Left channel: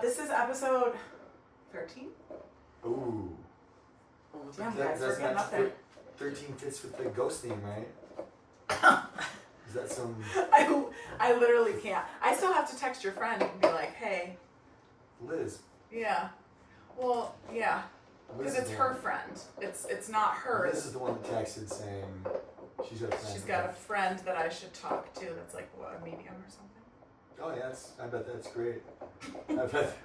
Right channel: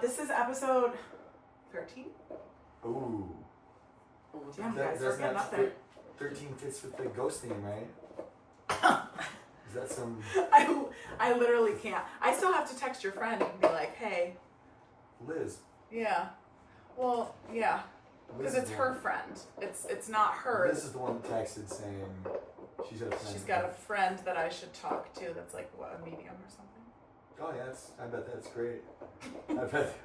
This is episode 13. Ooh. Damn, guys, we're getting up there. 13 fits with the ghost name, right? Is that some... I literally can't. I still have to text your friend and be like, hey. Liz. Yeah. Well, yeah. Because it's her friend. It's not her. Liz is the one that texted saying she's got a friend. She's got a friend that I should talk to that's like, what, a medium or something? Oh, yeah, I bet that's great. I bet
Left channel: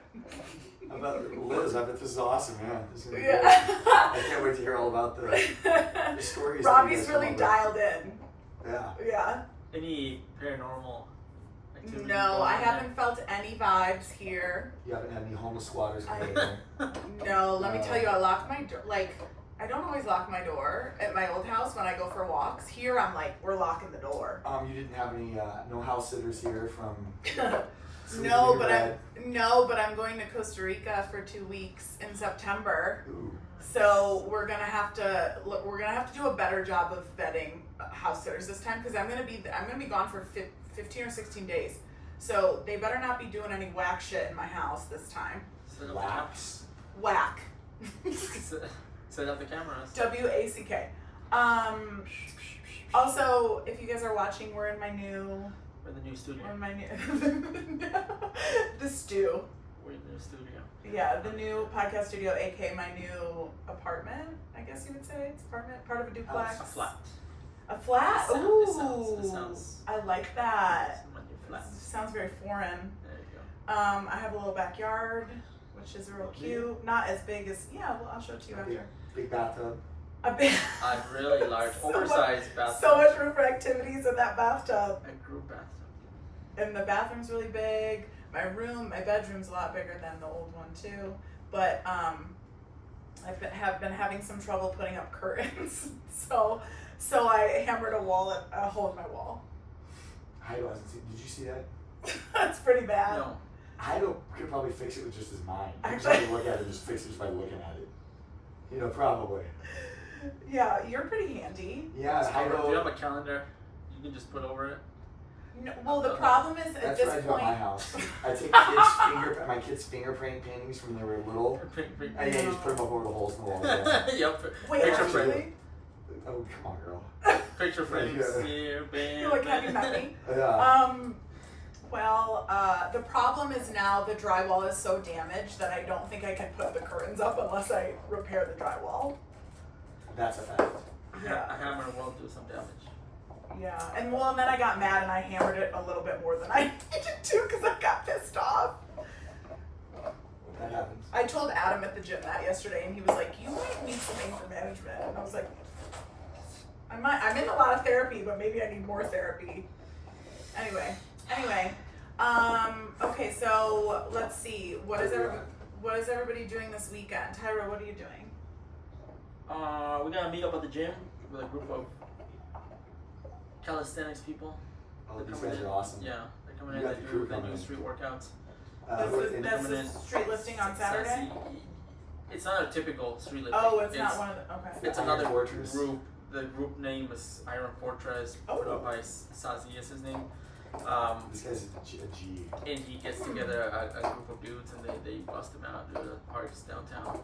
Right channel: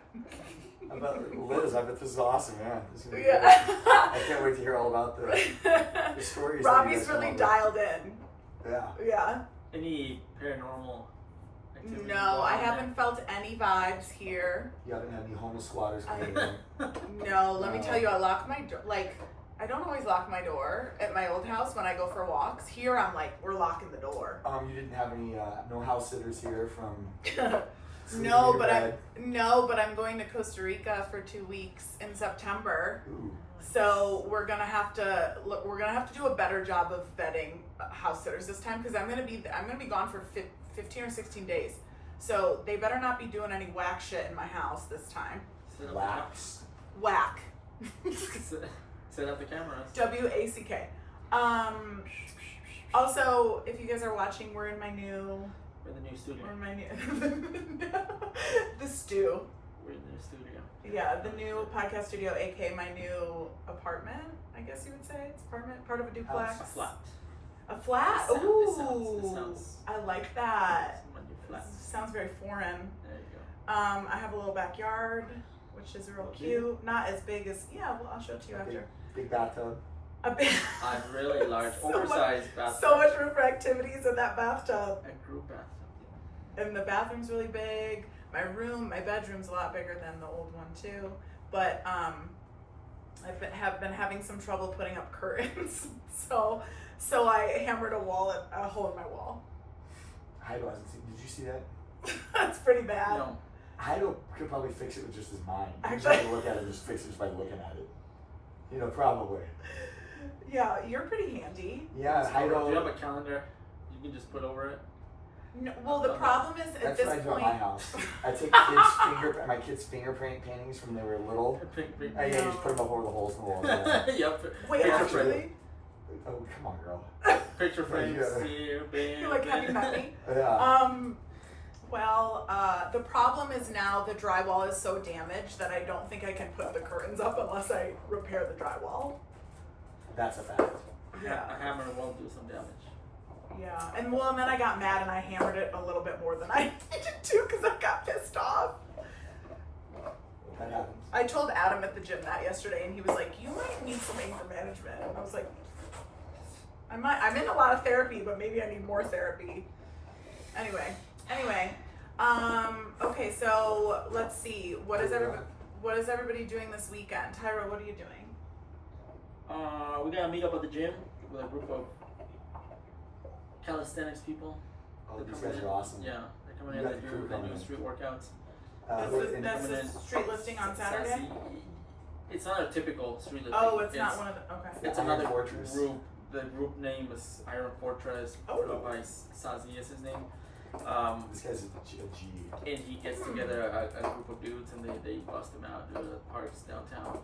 Liz, I bet this is awesome, yeah. This is gonna be great. I can't wait to hear all about the stories. Robbie's really dialed in. Yeah. Yeah. Any paranormal activity? No, I haven't felt any vibes here. You haven't had any homeless squatters coming in? No, let me tell you, I lock my door. Like, I don't always lock my door at my old house when I go for walks. Here, I'm like, we're locking the door. You didn't have any no house sitters here from. No, but I'm going to Costa Rica for 2 weeks in September. Ooh. So we're gonna have to do a better job of vetting house sitters this time because I'm gonna be gone for 15 or 16 days. So they better not be doing any whack shit in my house this time. Wax. Whack. Set up the cameras. WACK. Also, if you guys are watching, we're in the new studio. We're in my new the stew. We're in the new studio. Yeah, the new podcast studio, aka my new apartment. I guess you would say it's apartment, part of a duplex. A flat. A flat. Ooh, It sounds I like that. my new flat. Sounds very foreign. There you go. I have a little backyard, which is real cute. Not as big as well, I'll show it to you after. Big bathtub. A big. A really large, oversized bathtub. So much room for activities in that bathtub. A group bathtub. And the bathroom's really big. My bedroom's a lot bigger than the old one too. But have been having some trouble putting up curtains. So I hammered a hole in my wall. Heido hasn't seen. Did you see that? That's pretty bad. No. Heido could probably fix it with just his mind. Actually, you look at it, just fix it just by looking at it. You know, probably. Yeah, you're pretty handy. Yeah, Heido. Do you have a calendar you can just put over it? No, well, the problem is at That's this what I do point. at my house. I take my kids' fingerprint paintings from when they were little. I just put them up over the holes in the wall. Yeah. Yep. Wait, Picture actually? frame. Oh, come on, girl. Picture frames. Yeah. You're like, have you met me? Yeah. The problem is now the drywall is so damaged that I don't think I can put the curtains up unless I repair the drywall. That's a fact. Yeah. A hammer will do some damage. Yeah, and then I got mad and I hammered it a little bit more than I needed to because I got pissed off. That happens. I told Adam at the gym that yesterday and he was like, you might need some anger management. And I was like, I'm in a lot of therapy, but maybe I need more therapy. Anyway, okay, so let's see. What is everybody doing this weekend? Tyra, what are you doing? We gotta meet up at the gym with a group of calisthenics people. Oh, these guys are awesome. Yeah, they're coming in. They do street workouts. That's the street lifting on Saturday? It's not a typical street lifting. Oh, it's not one of the, okay. It's another group. The group name is Iron Fortress. Oh. By Sazi is his name. This guy's a G. And he gets together a group of dudes and they bust them out to the parks downtown.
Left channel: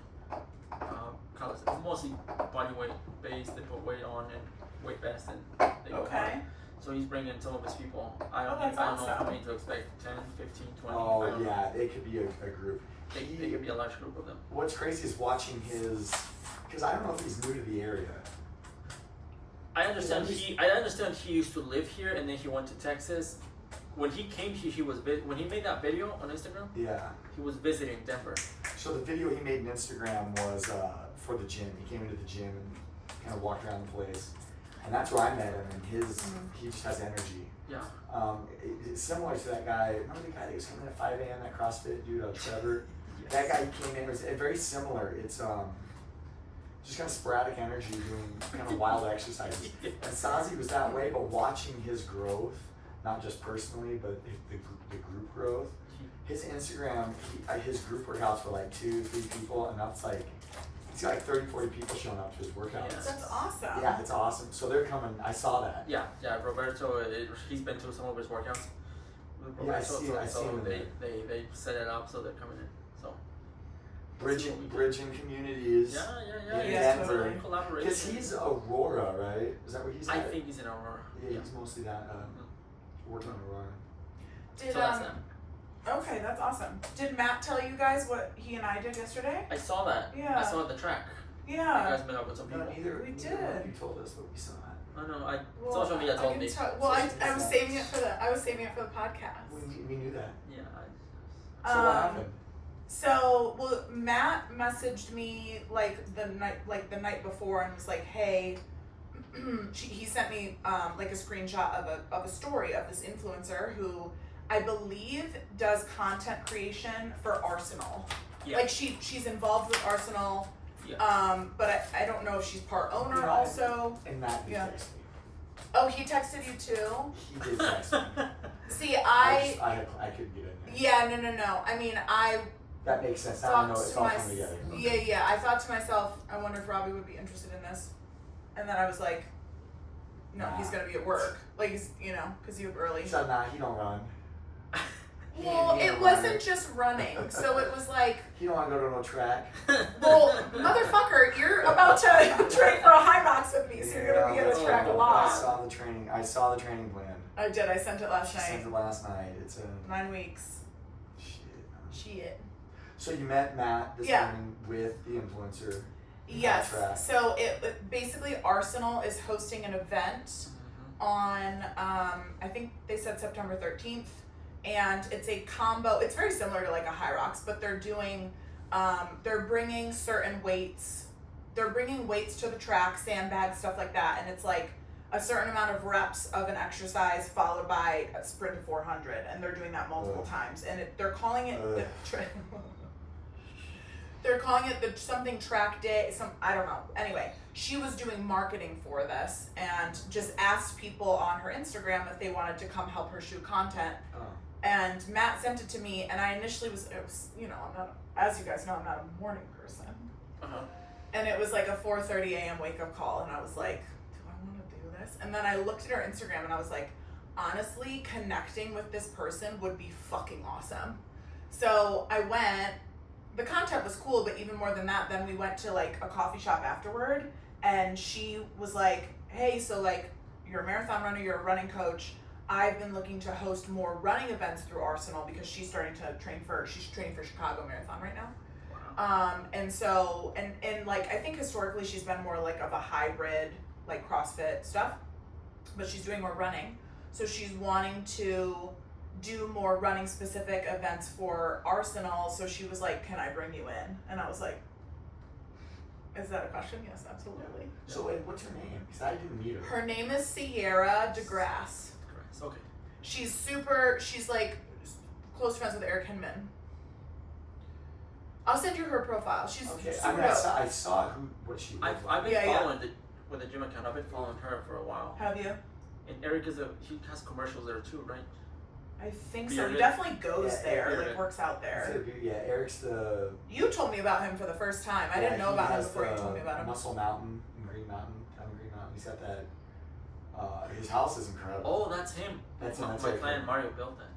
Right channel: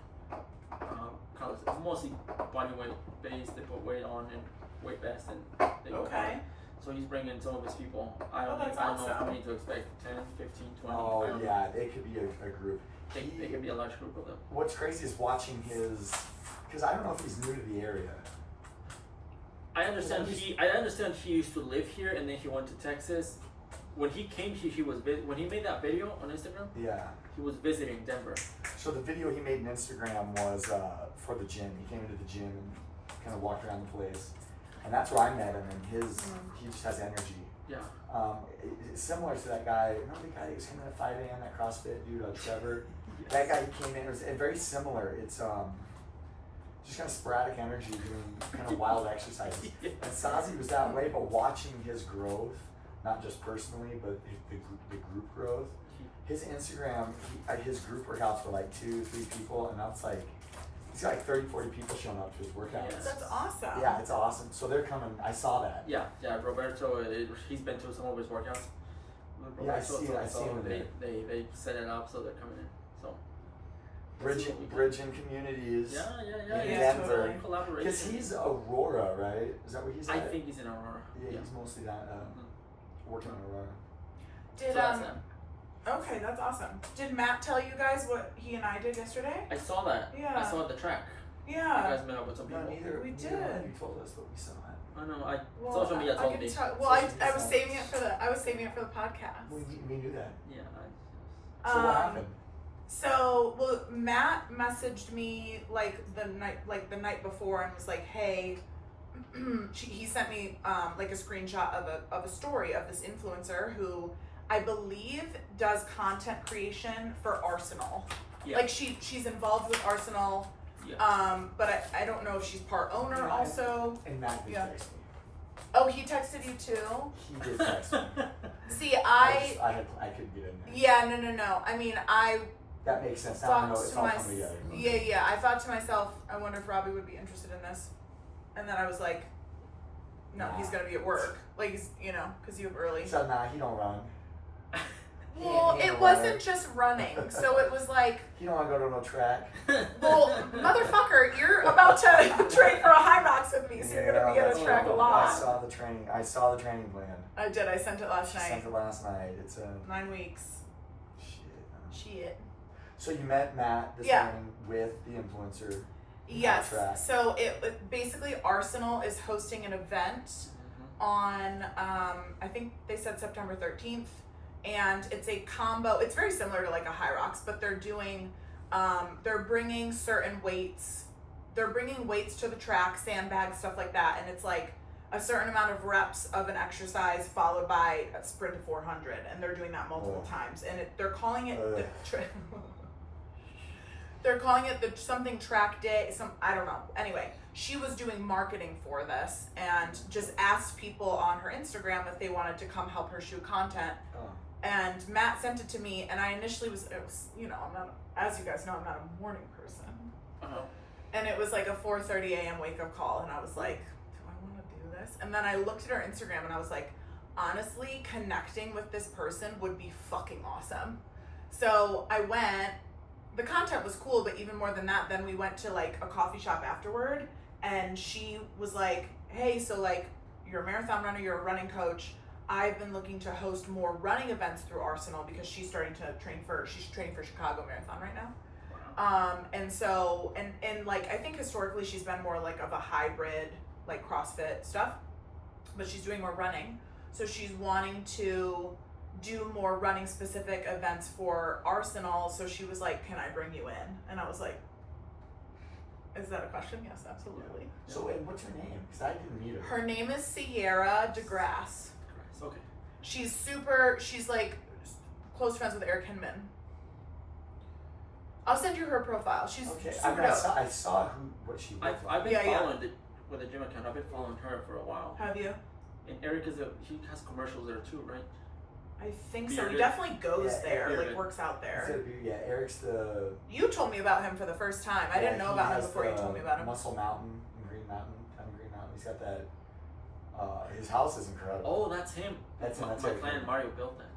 Mostly body weight based. They put weight on and weight vest and they go hard. So he's bringing some of his people. I don't know how many to expect. 10, 15, 20. Oh, yeah, it could be a group. They could be a large group of them. What's crazy is watching because I don't know if he's new to the area. I understand he used to live here and then he went to Texas. When he came here, when he made that video on Instagram, yeah, he was visiting Denver. So the video he made on Instagram was for the gym. He came into the gym and kind of walked around the place, and that's where I met him. And he just has energy. Yeah. It's similar to that guy. Remember the guy that was coming in at 5 a.m. That CrossFit dude, Trevor. Yes. That guy came in. It was very similar. It's just kind of sporadic energy, doing kind of wild exercises. And Sazi was that way, but watching his growth, not just personally, but the group growth. His Instagram, his group workouts were like 2-3 people, and that's like, he's got like 30, 40 people showing up to his workouts. Yes. That's awesome. Yeah, it's awesome. So they're coming, I saw that. Yeah, Roberto, he's been to some of his workouts. Yeah, I see them there. They set it up so they're coming in. So Bridging communities. Yeah. In Yeah, Denver. totally. Collaboration. Because he's Aurora, right? Is that where he's at? I think he's in Aurora. Yeah, he's mostly that working in Aurora. Did So that's that. Okay, that's awesome. Did Matt tell you guys what he and I did yesterday? I saw that. Yeah. I saw the track. You Yeah. guys met up with some No, people. neither We one did. of you told us, but we saw it. I know. Well, Social media told me. I was saving it for the podcast. We knew that. Yeah. So what happened? So, Matt messaged me the night before and was like, "Hey," he sent me like a screenshot of a story of this influencer who I believe does content creation for Arsenal. Yeah. Like she's involved with Arsenal. Yeah. But I don't know if she's part owner Right. also. And Matt did text me. Oh, he texted you too? He did text me. See, I couldn't get in there. yeah, no. I mean, I That makes sense. Now I know it's all coming together. Yeah. I thought to myself, I wonder if Robbie would be interested in this. And then I was like, no, he's going to be at work. Like, he's, because you have early. So he don't run. Well, He it ain't wasn't running. just running. So it was like, He don't want to go to no track. well, motherfucker, you're about to train for a high rocks with me, so you're going to be at a track a I lot. saw the training plan. I did. I sent it last She night. sent it last night. It's 9 weeks. shit. Shit. So you met Matt this Yeah. morning with the influencer. Yes. Track. So it basically Arsenal is hosting an event on I think they said September 13th, and it's a combo. It's very similar to like a High Rocks, but they're doing they're bringing certain weights. They're bringing weights to the track, sandbags, stuff like that, and it's like a certain amount of reps of an exercise followed by a sprint of 400, and they're doing that multiple times, and they're calling it they're calling it the something track day, I don't know. Anyway, she was doing marketing for this and just asked people on her Instagram if they wanted to come help her shoot content. Oh. And Matt sent it to me, and I initially was I'm not, as you guys know, I'm not a morning person. And it was like a 4:30 a.m. wake up call, and I was like, do I want to do this? And then I looked at her Instagram, and I was like, honestly, connecting with this person would be fucking awesome. So I went. The content was cool, but even more than that, then we went to like a coffee shop afterward, and she was like, hey, so like you're a marathon runner, you're a running coach. I've been looking to host more running events through Arsenal because she's starting to she's training for Chicago Marathon right now. And so, and like, I think historically she's been more like of a hybrid, like CrossFit stuff, but she's doing more running. So she's wanting to do more running specific events for Arsenal. So she was like, can I bring you in? And I was like, is that a question? Yes, absolutely. So wait, what's her name? Because I didn't meet her. Her name is Sierra DeGrasse. Okay. She's like close friends with Eric Hinman. I'll send you her profile. She's Okay, super I dope. saw what she looked I've like. been Yeah. following with the gym account. I've been following her for a while. Have you? And Eric he has commercials there too, right? I think so. He Bearded? definitely goes Yeah, there, Bearded. like works out there. Yeah, Eric's the. You told me about him for the first time. I didn't know he about him has before you the told me about him. Muscle Mountain in Green Mountain. Down in Green Mountain. He's got that. His house is incredible. Oh, that's him. That's my Eric client Hinman. Mario built that.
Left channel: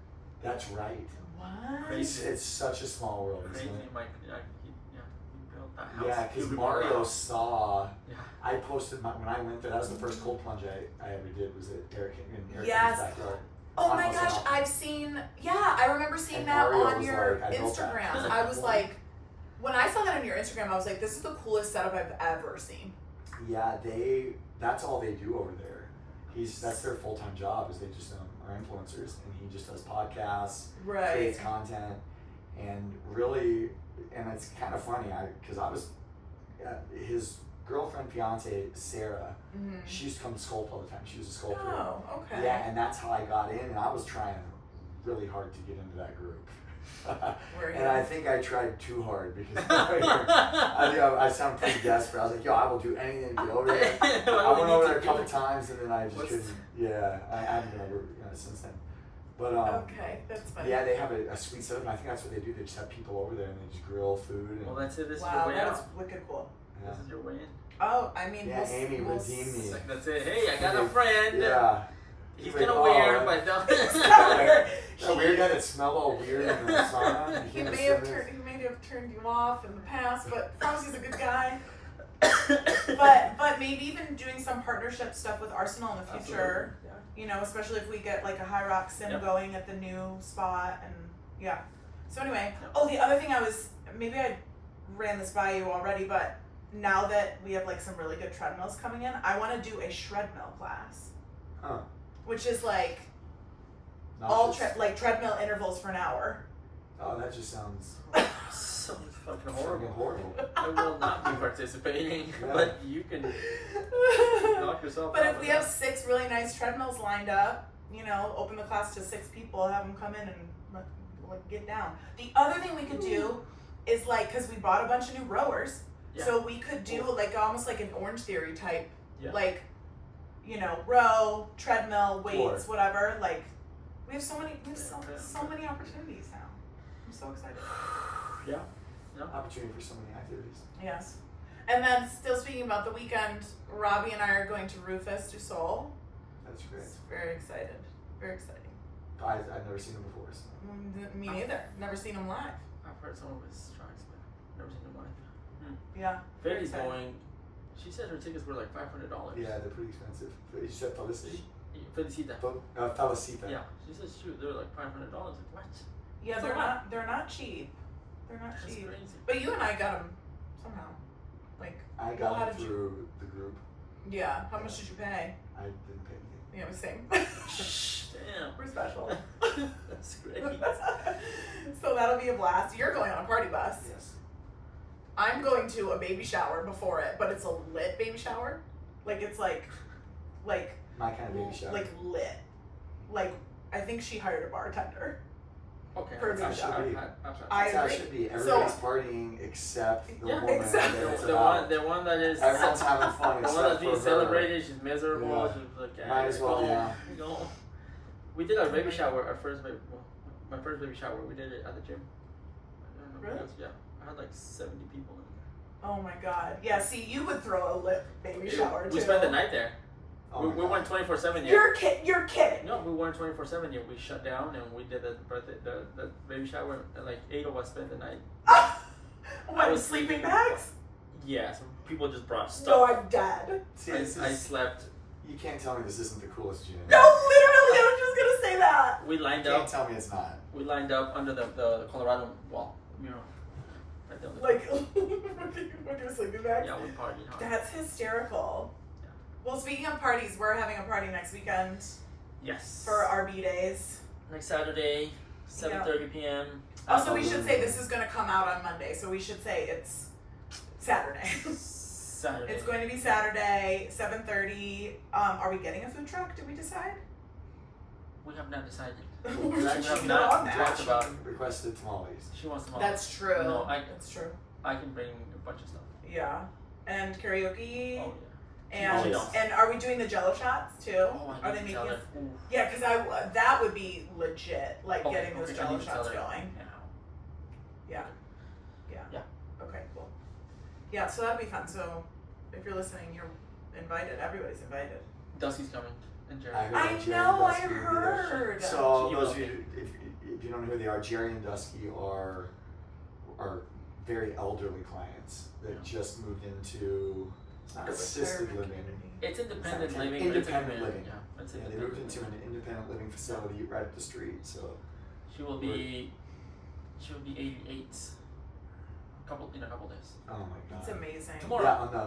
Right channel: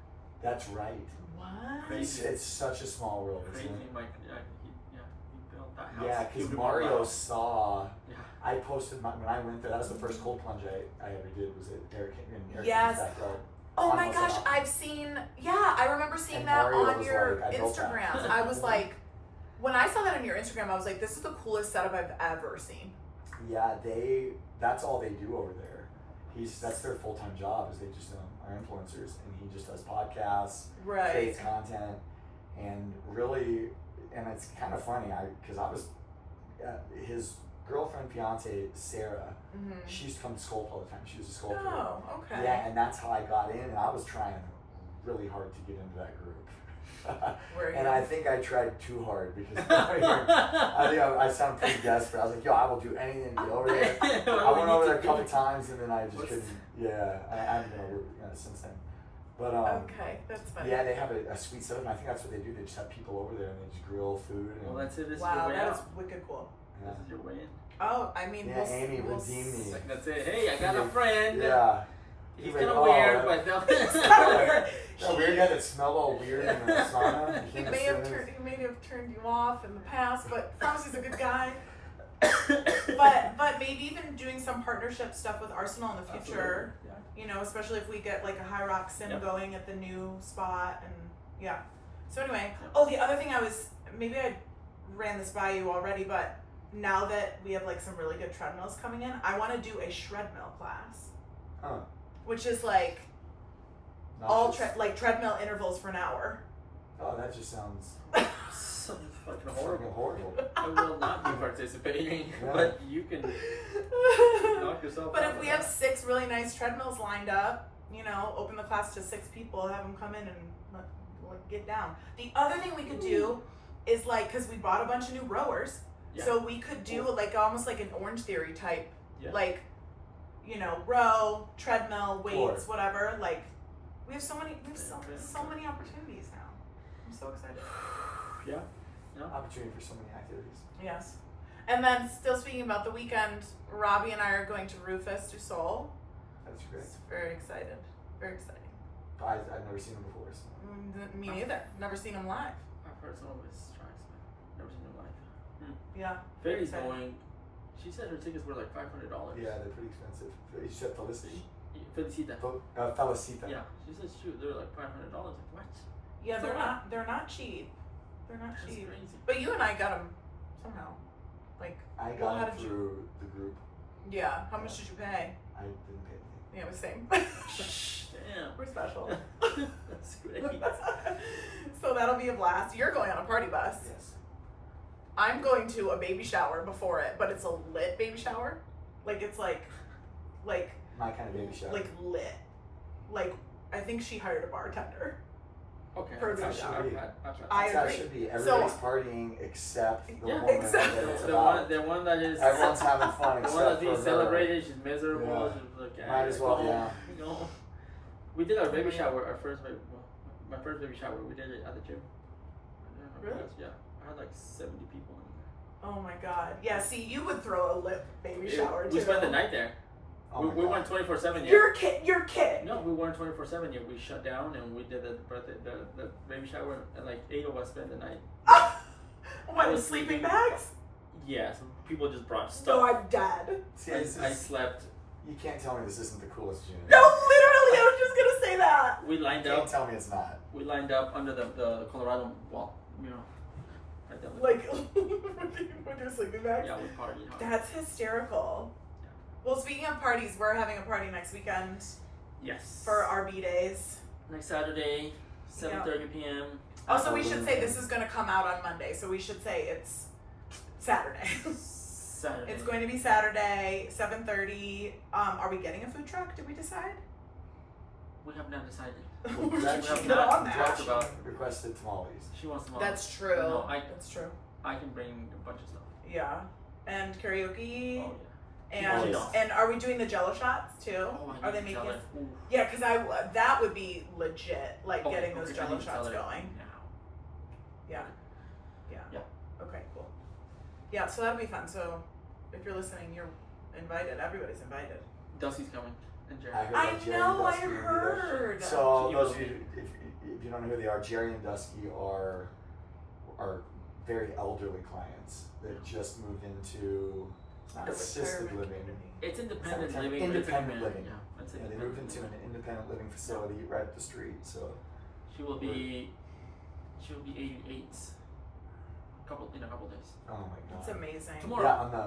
That's right. What? Crazy. It's such a small world. Crazy, Isn't it? he built that house. Yeah, because Beautiful Mario house. saw. Yeah. I posted when I went there. That was the first cold plunge I ever did. Was at Eric in Eric's Yes. backyard. Oh On my Muscle gosh, Mountain. I've seen, I remember seeing And that Mario on was your like, I built that. Instagram. I was like, when I saw that on your Instagram, I was like, this is the coolest setup I've ever seen. Yeah, that's all they do over there. That's their full-time job is they just are influencers, and he just does podcasts, Right. creates content, and really, and it's kind of funny because I was his girlfriend, fiance Sarah. Mm-hmm. She used to come to sculpt all the time. She was a sculptor. Oh, okay. Yeah, and that's how I got in, and I was trying really hard to get into that group. And I think I tried too hard because I sound pretty desperate. I was like, yo, I will do anything to get over there. I went over there a couple times and then I just couldn't. Yeah, I haven't been over since then. But okay, that's funny. yeah, they have a sweet setup, and I think that's what they do. They just have people over there and they just grill food. And, Well, that's it. This Wow, is your way that is out. wicked cool. yeah. This is your way in. Oh, I mean, Yeah, Amy, redeem me. That's it. Hey, I got a friend. Yeah. He's Like, kind of weird, but don't. That weird guy that smelled all weird in the sauna. He may have turned you off in the past, but promise he's a good guy. But maybe even doing some partnership stuff with Arsenal in the future. Yeah. You know, especially if we get like a high rock sim going at the new spot and yeah. So anyway, the other thing maybe I ran this by you already, but now that we have like some really good treadmills coming in, I want to do a shredmill class. Huh. Which is like treadmill intervals for an hour. Oh, that just sounds So fucking horrible. horrible. I will not be participating, Yeah. but you can knock yourself But out. if we have 6 really nice treadmills lined up, you know, open the class to 6 people, have them come in and get down. The other thing we could do is like, because we bought a bunch of new rowers, so we could do like almost like an Orange Theory type, like, you know, row, treadmill, weights, whatever. Like, we have so many opportunities now. I'm so excited. Yeah. Opportunity for so many activities. Yes. And then, still speaking about the weekend, Robbie and I are going to Rufus du Sol. That's great. Very excited. Very exciting. I've never seen him before. So. Me neither. Never seen him live. I've heard some of his tracks, but never seen him live. Yeah. Faye's going. She said her tickets were like $500. Yeah, they're pretty expensive. You said Felicity? Felicita. Felicita. Yeah. She said shoot, they were like $500. Like what? Yeah, So they're not cheap. They're not That's cheap. crazy. But you and I got them somehow. Like, I well, got how it did through the group. Yeah. How much did you pay? I didn't pay anything. Yeah, it was same. Damn. We're special. That's great. So that'll be a blast. You're going on a party bus. Yes. I'm going to a baby shower before it, but it's a lit baby shower. Like, it's like My kind of baby shower. like lit. Like, I think she hired a bartender. Okay. For a That's baby how it shower. should be. I That's how it agree. should be. Everybody's partying except the woman exactly. that it's The about. one that is. Everyone's having fun The except one that's for being her. celebrated, she's miserable. Yeah. She's like, Might as well, yeah. You know, we did our baby shower, my first baby shower. We did it at the gym. I don't know. Really? Yeah, I had like 70 people in there. Oh my god. Yeah, see, you would throw a lit baby shower too. We spent the night there. Oh we my God. went 24/7. You're kidding. No, we weren't 24/7 yet. We shut down and we did the baby shower, and like 8 of us spent the night. What, with sleeping bags? Yeah, some people just brought stuff. No, I'm dead. See, I slept. You can't tell me this isn't the coolest unit. No, literally, I was just gonna say that. We lined You can't up. tell me it's not. We lined up under the Colorado wall. You know, right there. Like, with your sleeping bags? Yeah, we partied hard. That's hysterical. Yeah. Well, speaking of parties, we're having a party next weekend Yes. for our bdays. Next Saturday, 7:30 p.m. Also, we should say this is going to come out on Monday, so we should say it's Saturday. Saturday. It's going to be Saturday, 7:30. Are we getting a food truck? Did we decide? We have not decided. We should have get not on that. talked about. Requested tamales. She wants them all. That's true. No, That's true. I can bring a bunch of stuff. Yeah. And karaoke. Oh And Oh, and are we doing the Jello shots too? yeah. Oh, I Are they need to making? tell her. Ooh. Yeah, because that would be legit. Like Okay, getting those okay, I Jello need to tell shots her going. now. Yeah. Yeah. Yeah. Okay. Cool. Yeah. So that'll be fun. So if you're listening, you're invited. Everybody's invited. Dusty's coming. And Jerry. I that Jerry know, and I Dusky will be there. heard. So She those will of you, if you don't know who they are, Jerry and Dusky are very elderly clients that just moved into not assisted Retirement living. community. It's independent It's living. independent but it's a living. Yeah, it's Yeah, they independent moved into living. an independent living facility right up the street. So She will be 88. In a couple days. oh my god. It's amazing. Tomorrow. Yeah, on the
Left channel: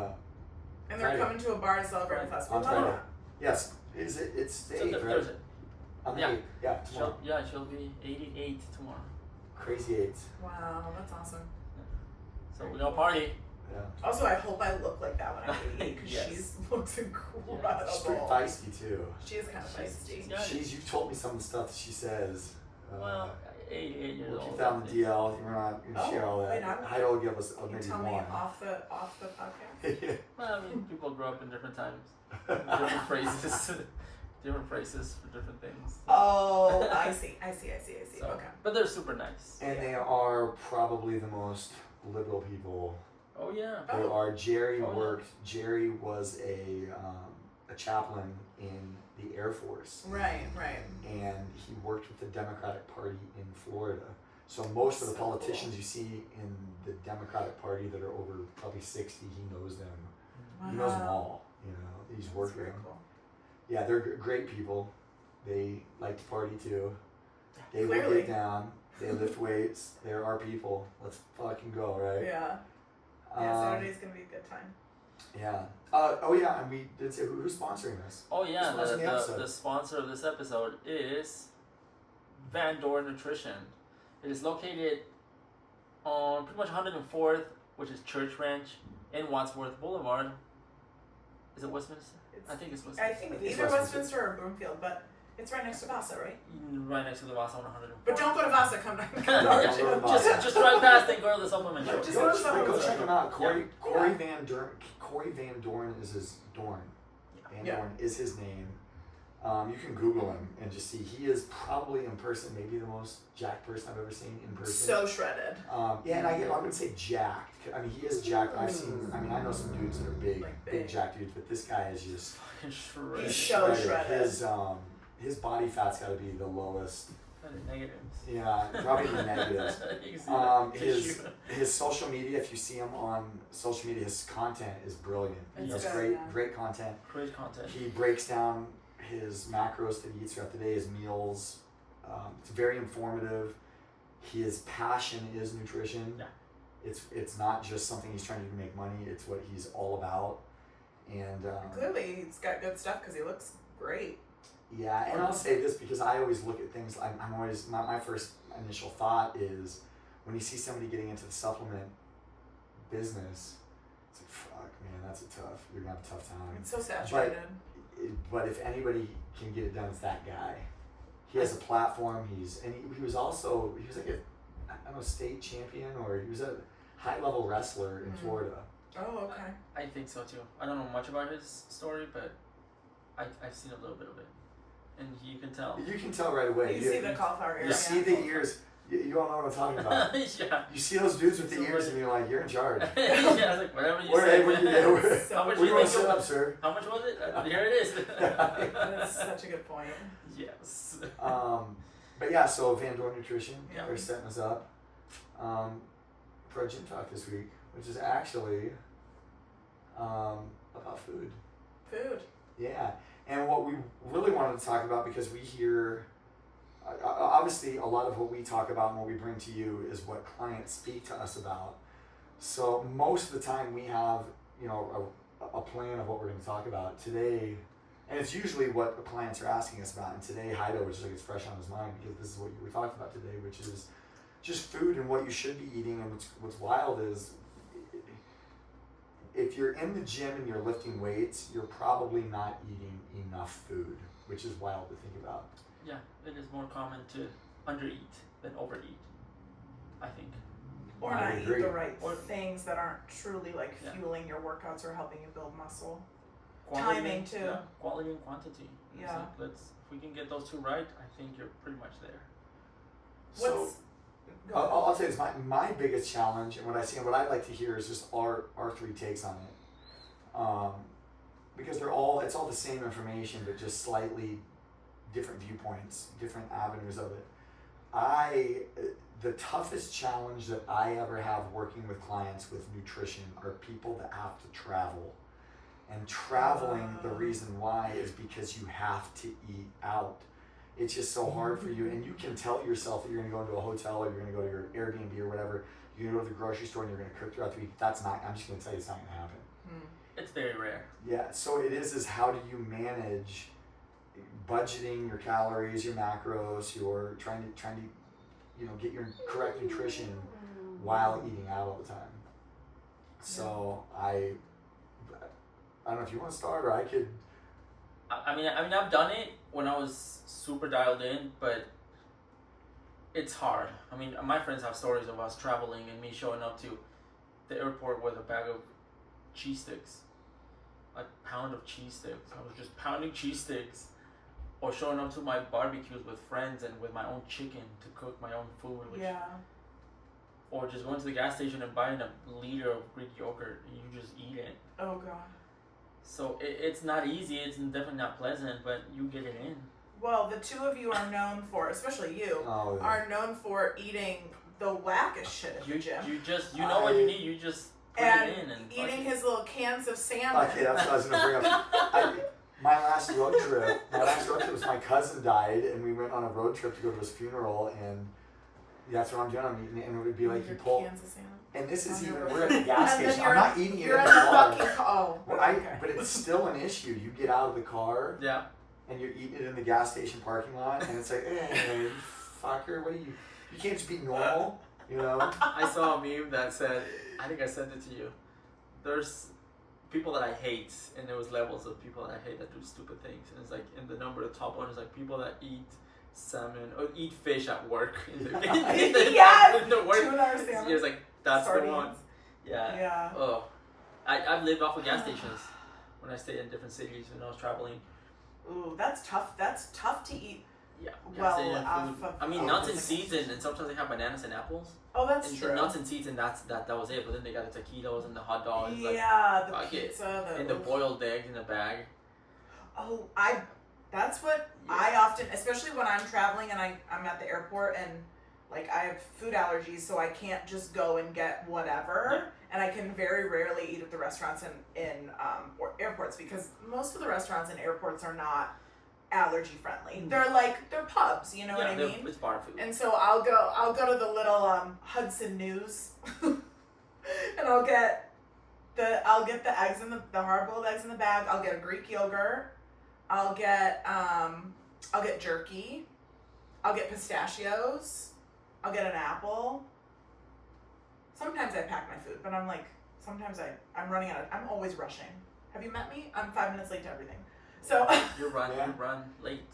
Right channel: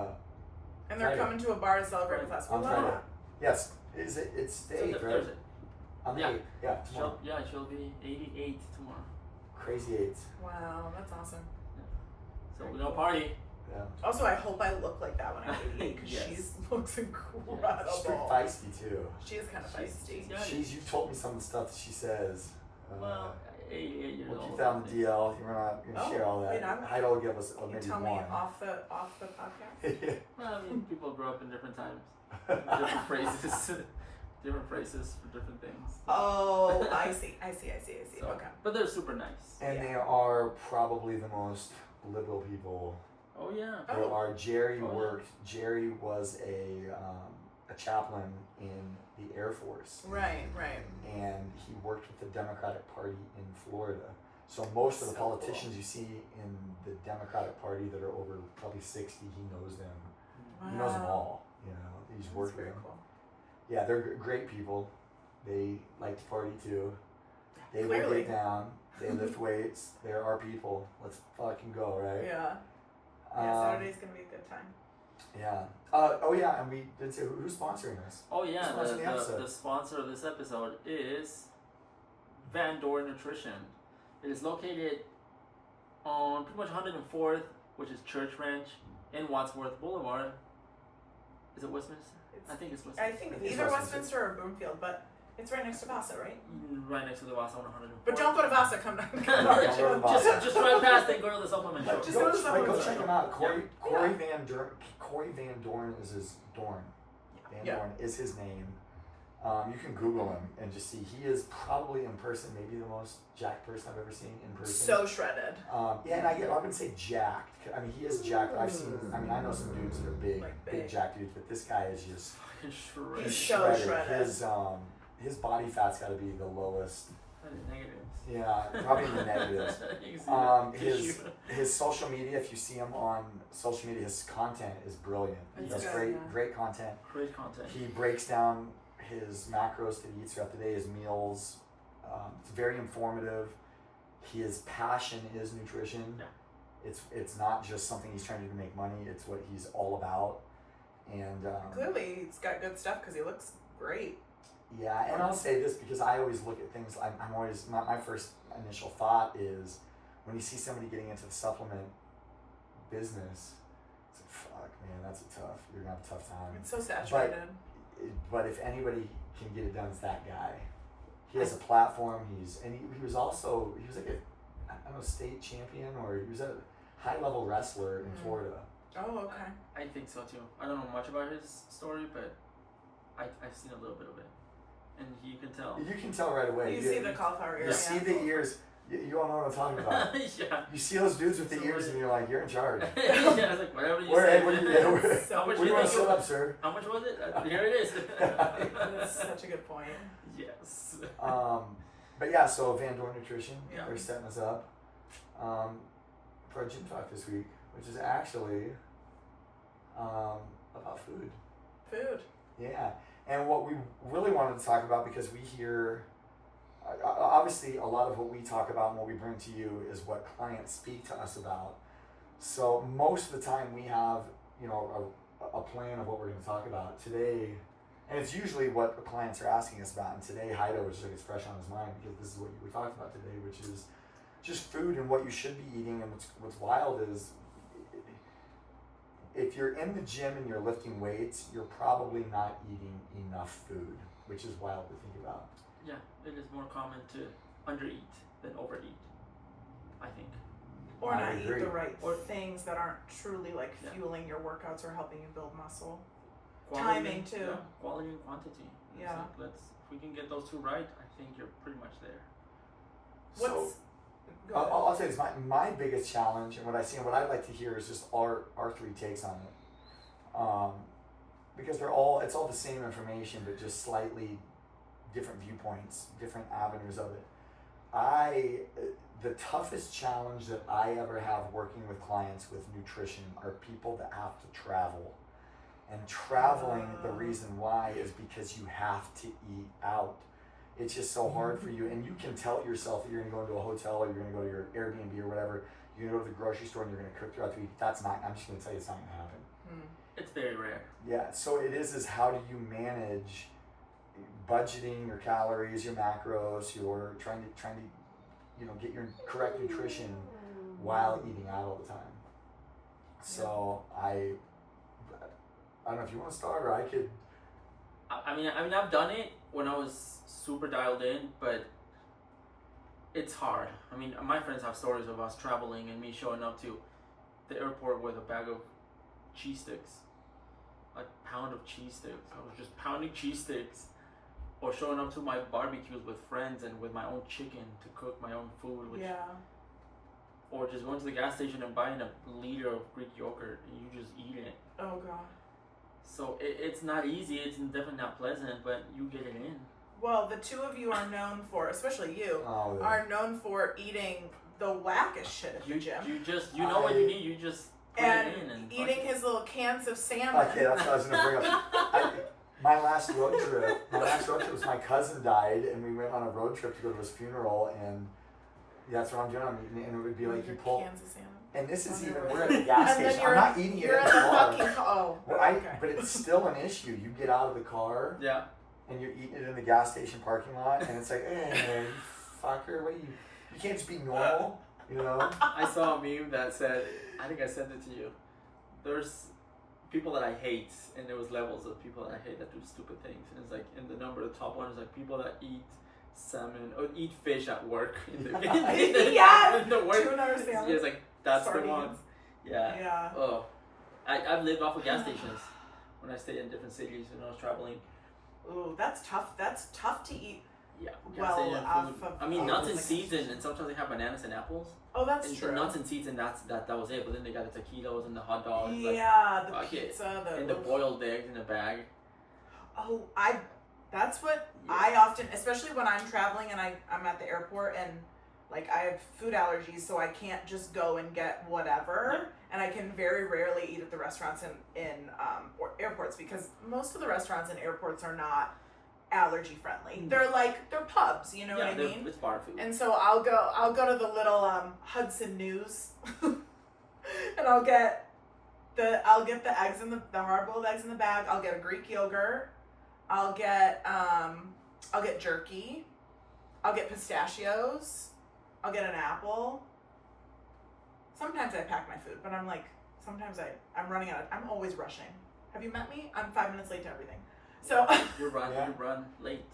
And they're Friday. coming to a bar to celebrate the festival. on Love Friday. that. Yes, is it? It's the So 8th, right? Thursday. On the Yeah. 8th. Yeah, tomorrow. She'll be 88 tomorrow. Crazy 8th. Wow, that's awesome. So we're gonna party. Yeah. Also, I hope I look like that when I'm 88 because Yes. she looks She's incredible. pretty feisty too. She is kind of feisty. Yeah. You told me some of the stuff that she says. Well, 88 years We'll old. keep that on the DL. We're not going to Oh, share all that. wait, I'm- Heido will give us You maybe tell me one. off the podcast. Well, I mean, people grow up in different times. Different phrases. Different phrases for different things. Oh, I see. So, Okay. But they're super nice. And they are probably the most liberal people Oh yeah. there Oh. are. Jerry Oh, yeah. worked. Jerry was a a chaplain in the Air Force. Right. And he worked with the Democratic Party in Florida. So most of the politicians you see in the Democratic Party that are over probably 60, he knows them. Wow. He knows them all. You know, he's worked with them. Cool. Yeah, they're great people. They like to party too. They will Clearly. get down. They lift weights. They're our people. Let's fucking go, right? Yeah. Saturday's gonna be a good time. Yeah. Oh yeah, and we did say who's sponsoring this? Oh yeah, Who's sponsoring the episode? the sponsor of this episode is Van Dorn Nutrition. It is located on pretty much 104th, which is Church Ranch, in Wadsworth Boulevard. Is it Westminster? I think it's Westminster. I think either Westminster or Broomfield, but it's right next to Vasa, right? Right next to the Vasa on 104th. But don't go to Vasa. Come down. just drive past and go to the supplement Yeah, shop. just go check him out. Corey Van Dorn is his Dorn. Van Dorn is his name. You can Google him and just see he is probably in person maybe the most jacked person I've ever seen in person. So shredded. Yeah, and I wouldn't say jacked. I mean, he is jacked. I know some dudes that are big, Like big jacked dudes, but this guy is just Shredded. He's so shredded. His body fat's got to be the lowest. Negatives. Yeah, probably the negatives. You can see His social media, if you see him on social media, his content is brilliant. He That's has good, great content. Great content. He breaks down his macros that he eats throughout the day, his meals. It's very informative. His passion is nutrition. Yeah. It's not just something he's trying to do to make money. It's what he's all about. And Clearly, he's got good stuff because he looks great. yeah, and I'll say this because I always look at things. I'm always my first initial thought is when you see somebody getting into the supplement business, it's like fuck, man, you're gonna have a tough time. It's so saturated. But if anybody can get it done, it's that guy. He has a platform. He was like a I don't know, state champion, or he was a high level wrestler in Florida. Oh, okay. I think so too. I don't know much about his story, but I've seen a little bit of it, and you can tell. You can tell right away. You see the cauliflower ears. You see the ears. You all know what I'm talking about. Yeah. You see those dudes with the ears, and you're like, you're in charge. Yeah, I was like, whatever you say. What do you How much do you want think to set up, sir? How much was it? Here it is. That's such a good point. Yes. But yeah, so Van Dorn Nutrition, Yeah. they're setting us up for a gym talk this week, which is actually about food. Food. Yeah, and what we really wanted to talk about, because we hear, obviously a lot of what we talk about and what we bring to you is what clients speak to us about. So most of the time we have, a plan of what we're going to talk about today, and it's usually what the clients are asking us about. And today, Heido was just like, it's fresh on his mind because this is what you were talking about today, which is just food and what you should be eating. And what's wild is, if you're in the gym and you're lifting weights, you're probably not eating enough food, which is wild to think about. Yeah, it is more common to undereat than overeat, I think. Or I not eat agree. the right things that aren't truly fueling your workouts or helping you build muscle. Timing, too. Yeah, quality and quantity. Yeah. So if we can get those two right, I think you're pretty much there. So I'll say this, my biggest challenge, and what I see and what I'd like to hear is just our three takes on it. Because it's all the same information, but just slightly different viewpoints, different avenues of it. The toughest challenge that I ever have working with clients with nutrition are people that have to travel. And traveling, the reason why is because you have to eat out. It's just so hard for you, and you can tell yourself that you're going to go into a hotel or you're going to go to your Airbnb or whatever. You're going to go to the grocery store and you're going to cook throughout the week. I'm just going to tell you it's not going to happen. It's very rare. Yeah, so it is how do you manage budgeting your calories, your macros, your trying to get your correct nutrition while eating out all the time. So I don't know if you want to start, or I could. I mean, I've done it when I was super dialed in, but it's hard. I mean, my friends have stories of us traveling and me showing up to the airport with a bag of cheese sticks, a pound of cheese sticks. I was just pounding cheese sticks, or showing up to my barbecues with friends and with my own chicken to cook my own food. Or just going to the gas station and buying a liter of Greek yogurt and you just eat it. Oh, God. So it's not easy. It's definitely not pleasant, but you get it in. Well, the two of you are known for, especially you, are known for eating the wackest shit at the gym. You know what you need. You just put and it in and eating his little cans of salmon. Okay, that's what I was gonna bring up. My last road trip was my cousin died, and we went on a road trip to go to his funeral, and that's what I'm doing. I'm eating it, and it would be like you pull. Cans of salmon. And this is even, we're at the gas station. I'm not eating it You're in in the the car. fucking car. But it's still an issue. You get out of the car, yeah, and you're eating it in the gas station parking lot, and it's like, hey, you fucker, what are you? You can't just be normal, you know? I saw a meme that said, I think I sent it to you. There's people that I hate, and there was levels of people that I hate that do stupid things. And it's like, in the top one is like people that eat salmon or eat fish at work. In the work. Tuna or salmon. It's like, that's Sardines. the one. Yeah. Yeah. Oh, I've lived off of gas stations when I stayed in different cities when I was traveling. Ooh, that's tough. That's tough to eat. Yeah. Well, off of, I mean, nuts and seeds, and sometimes they have bananas and apples. Oh, that's and true. The nuts and seeds, and that was it. But then they got the taquitos and the hot dogs. Yeah, like, the pizza, and the boiled eggs in a bag. Oh, that's what I often, especially when I'm traveling and I'm at the airport and like I have food allergies, so I can't just go and get whatever. Yeah. And I can very rarely eat at the restaurants in or airports because most of the restaurants in airports are not allergy friendly. They're pubs, you know what I mean? It's bar food. And so I'll go to the little Hudson News and I'll get the eggs in the hard-boiled eggs in the bag. I'll get a Greek yogurt. I'll get jerky. I'll get pistachios. I'll get an apple. Sometimes I pack my food, but sometimes I'm running out of, I'm always rushing. Have you met me? I'm 5 minutes late to everything. So you run late.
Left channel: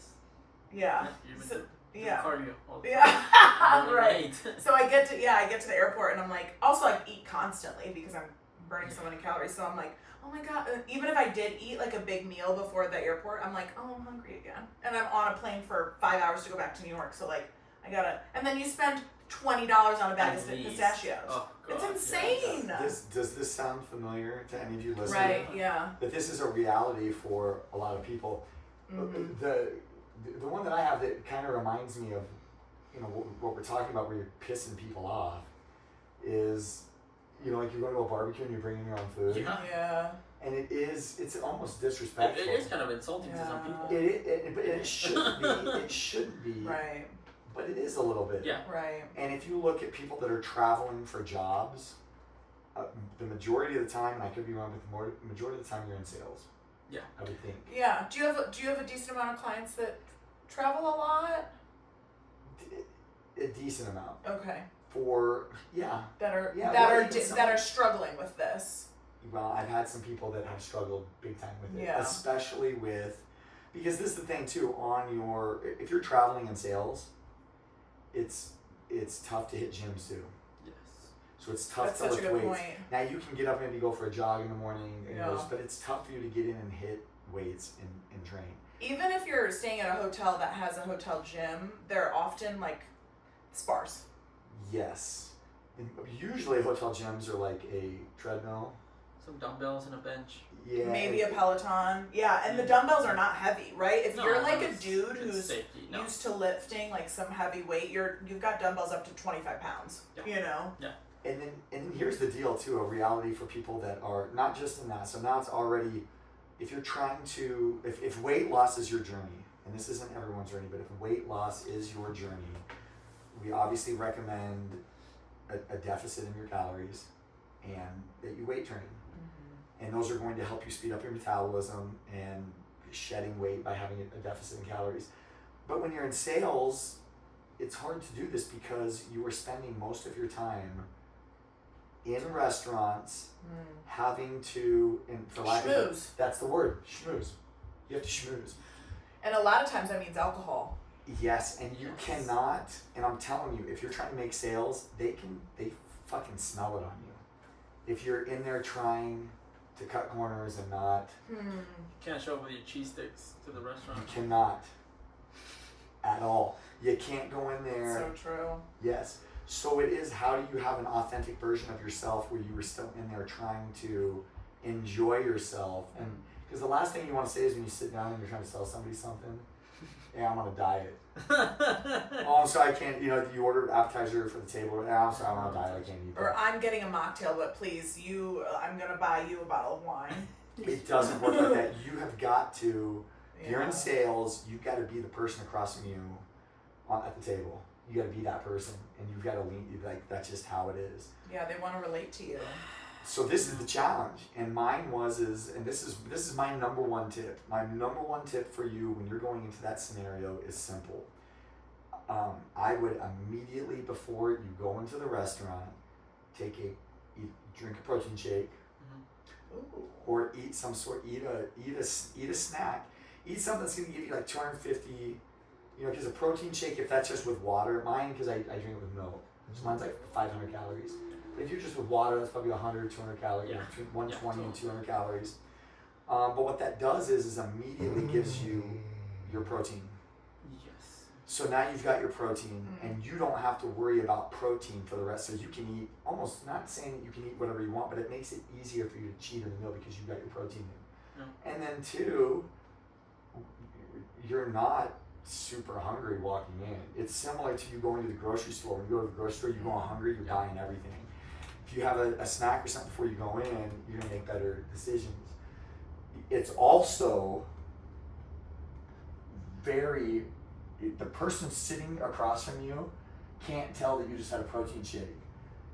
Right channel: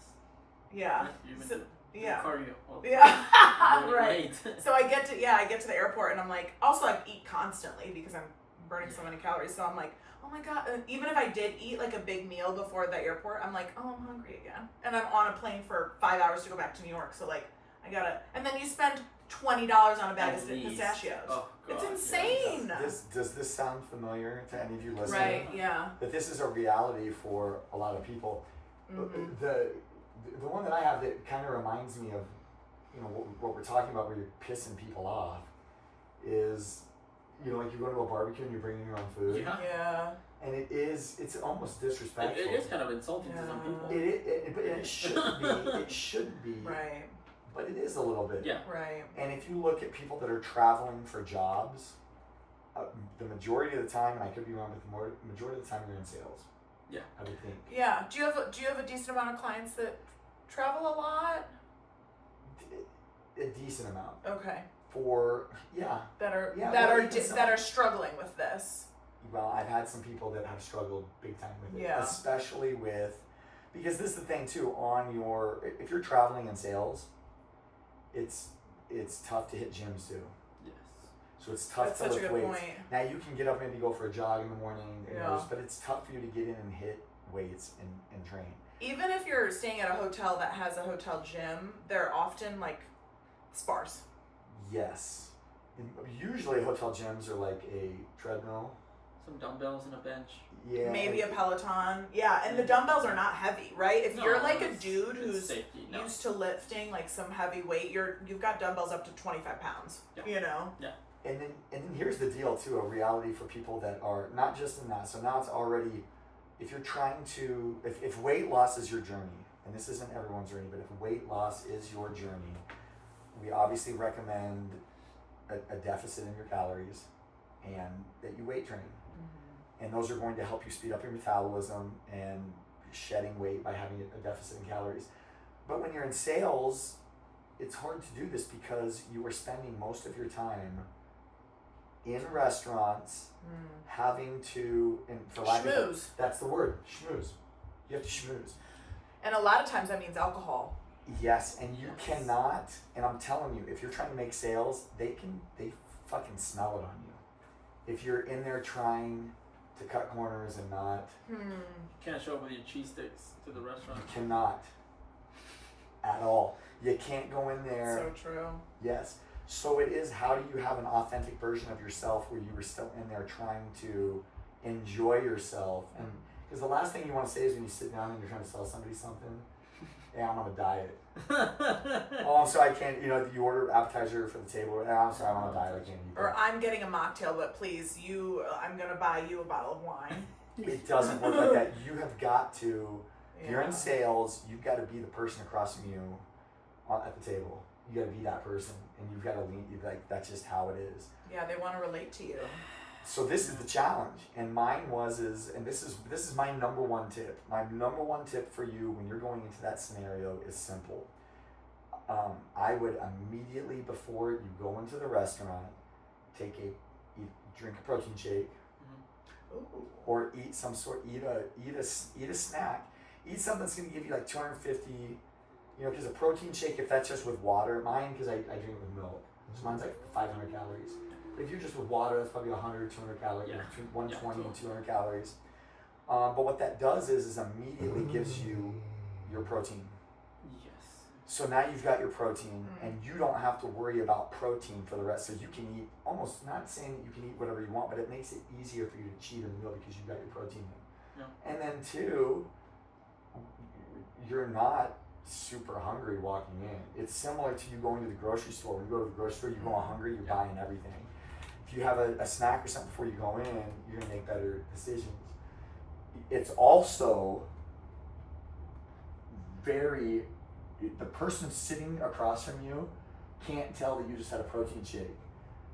Yeah. So, yeah. Cardio. Yeah. Right. Late. So I get to the airport and I'm like, also I eat constantly because I'm burning so many calories. So I'm like, oh my God. Even if I did eat like a big meal before the airport, I'm like, oh, I'm hungry again. And I'm on a plane for 5 hours to go back to New York. So like, and then you spend $20 on a bag of pistachios. Oh, God. It's insane. Yeah. Does this sound familiar to any of you listening? Right, yeah. But this is a reality for a lot of people. Mm-hmm. The one that I have that kind of reminds me of, you know, what we're talking about where you're pissing people off is, you know, like you're going to a barbecue and you're bringing your own food. Yeah. And it's almost disrespectful. It is kind of insulting to some people. But it shouldn't be. It shouldn't be. Right. But it is a little bit. Yeah. Right. And if you look at people that are traveling for jobs, the majority of the time, and I could be wrong, but the majority of the time you're in sales. Yeah. I would think. Yeah. Do you have a decent amount of clients that travel a lot? A decent amount. Okay. That are struggling with this. Well, I've had some people that have struggled big time with it. Yeah. Especially because this is the thing too, if you're traveling in sales, it's tough to hit gyms too. Yes. So it's tough That's to such a lift good weights. point. Now you can get up and maybe go for a jog in the morning, Yeah. but it's tough for you to get in and hit weights and train. Even if you're staying at a hotel that has a hotel gym, they're often like sparse. Yes. And usually hotel gyms are like a treadmill. Some dumbbells and a bench. Yeah. Maybe a Peloton. Yeah, and the dumbbells are not heavy, right? If you're like a dude who's safety, used to lifting like some heavy weight, you've got dumbbells up to 25 pounds. Yeah. You know? Yeah. And then here's the deal too, a reality for people that are not just in that. So now it's already, if you're trying to, if weight loss is your journey, and this isn't everyone's journey, but if weight loss is your journey, we obviously recommend a deficit in your calories and that you weight train. Mm-hmm. And those are going to help you speed up your metabolism and shedding weight by having a deficit in calories. But when you're in sales, it's hard to do this because you are spending most of your time in restaurants, having to, and for lack of that's the word, schmooze. You have to schmooze. And a lot of times that means alcohol. Yes, and you cannot, and I'm telling you, if you're trying to make sales, they fucking smell it on you. If you're in there trying to cut corners and not. You can't show up with your cheese sticks to the restaurant. You cannot. At all. You can't go in there. So true. Yes. So it is, how do you have an authentic version of yourself where you were still in there trying to enjoy yourself? Because the last thing you want to say is when you sit down and you're trying to sell somebody something, yeah, I'm on a diet. Oh, I'm sorry, I can't, you order appetizer for the table. I'm sorry, I'm on a diet, I can't eat that. Or I'm getting a mocktail, but please, I'm going to buy you a bottle of wine. It doesn't work like that. You have got to, if you're in Yeah. sales, you've got to be the person across from you at the table. You got to be that person, and you've got to lean, that's just how it is. Yeah, they want to relate to you. So this is the challenge, and mine and this is my number one tip. My number one tip for you when you're going into that scenario is simple. I would immediately before you go into the restaurant, drink a protein shake, Ooh. or eat a snack. Eat something that's gonna give you like 250. Because a protein shake, if that's just with water, mine because I drink it with milk, so mine's like 500 calories. If you're just with water, that's probably 100, 200 calories, between 120 and 200 calories. But what that does is immediately gives you your protein. Yes. So now you've got your protein, and you don't have to worry about protein for the rest. So you can eat, almost not saying that you can eat whatever you want, but it makes it easier for you to cheat in the meal because you've got your protein in. Yeah. And then two, you're not super hungry walking in. It's similar to you going to the grocery store. When you go to the grocery store, you go hungry, you're buying everything. If you have a snack or something before you go in, you're gonna make better decisions. It's also the person sitting across from you can't tell that you just had a protein shake.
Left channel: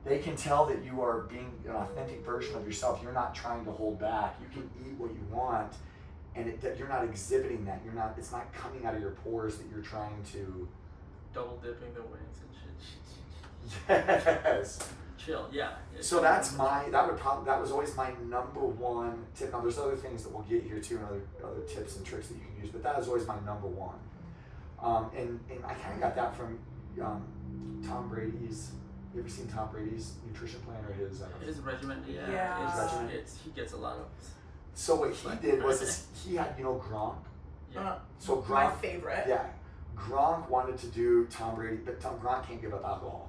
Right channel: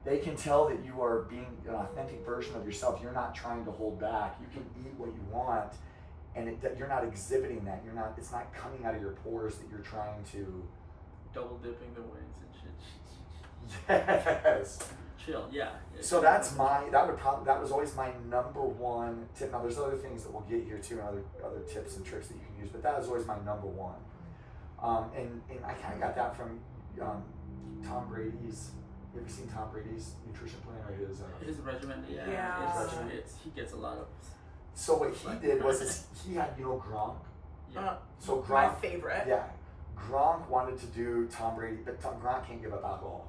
They can tell that you are being an authentic version of yourself. You're not trying to hold back. You can eat what you want, and that you're not exhibiting that. It's not coming out of your pores that you're trying to. Double dipping the wings and shit. Yes. Chill, yeah. So that was always my number one tip. Now there's other things that we'll get here too, and other tips and tricks that you can use, but that is always my number one. And I kind of got that from Tom Brady's. You ever seen Tom Brady's nutrition plan or his regimen? Yeah. Yeah. His regimen. He gets a lot of. So what he did was he had Gronk. Yeah. So Gronk, my favorite. Yeah, Gronk wanted to do Tom Brady, but Gronk can't give up alcohol.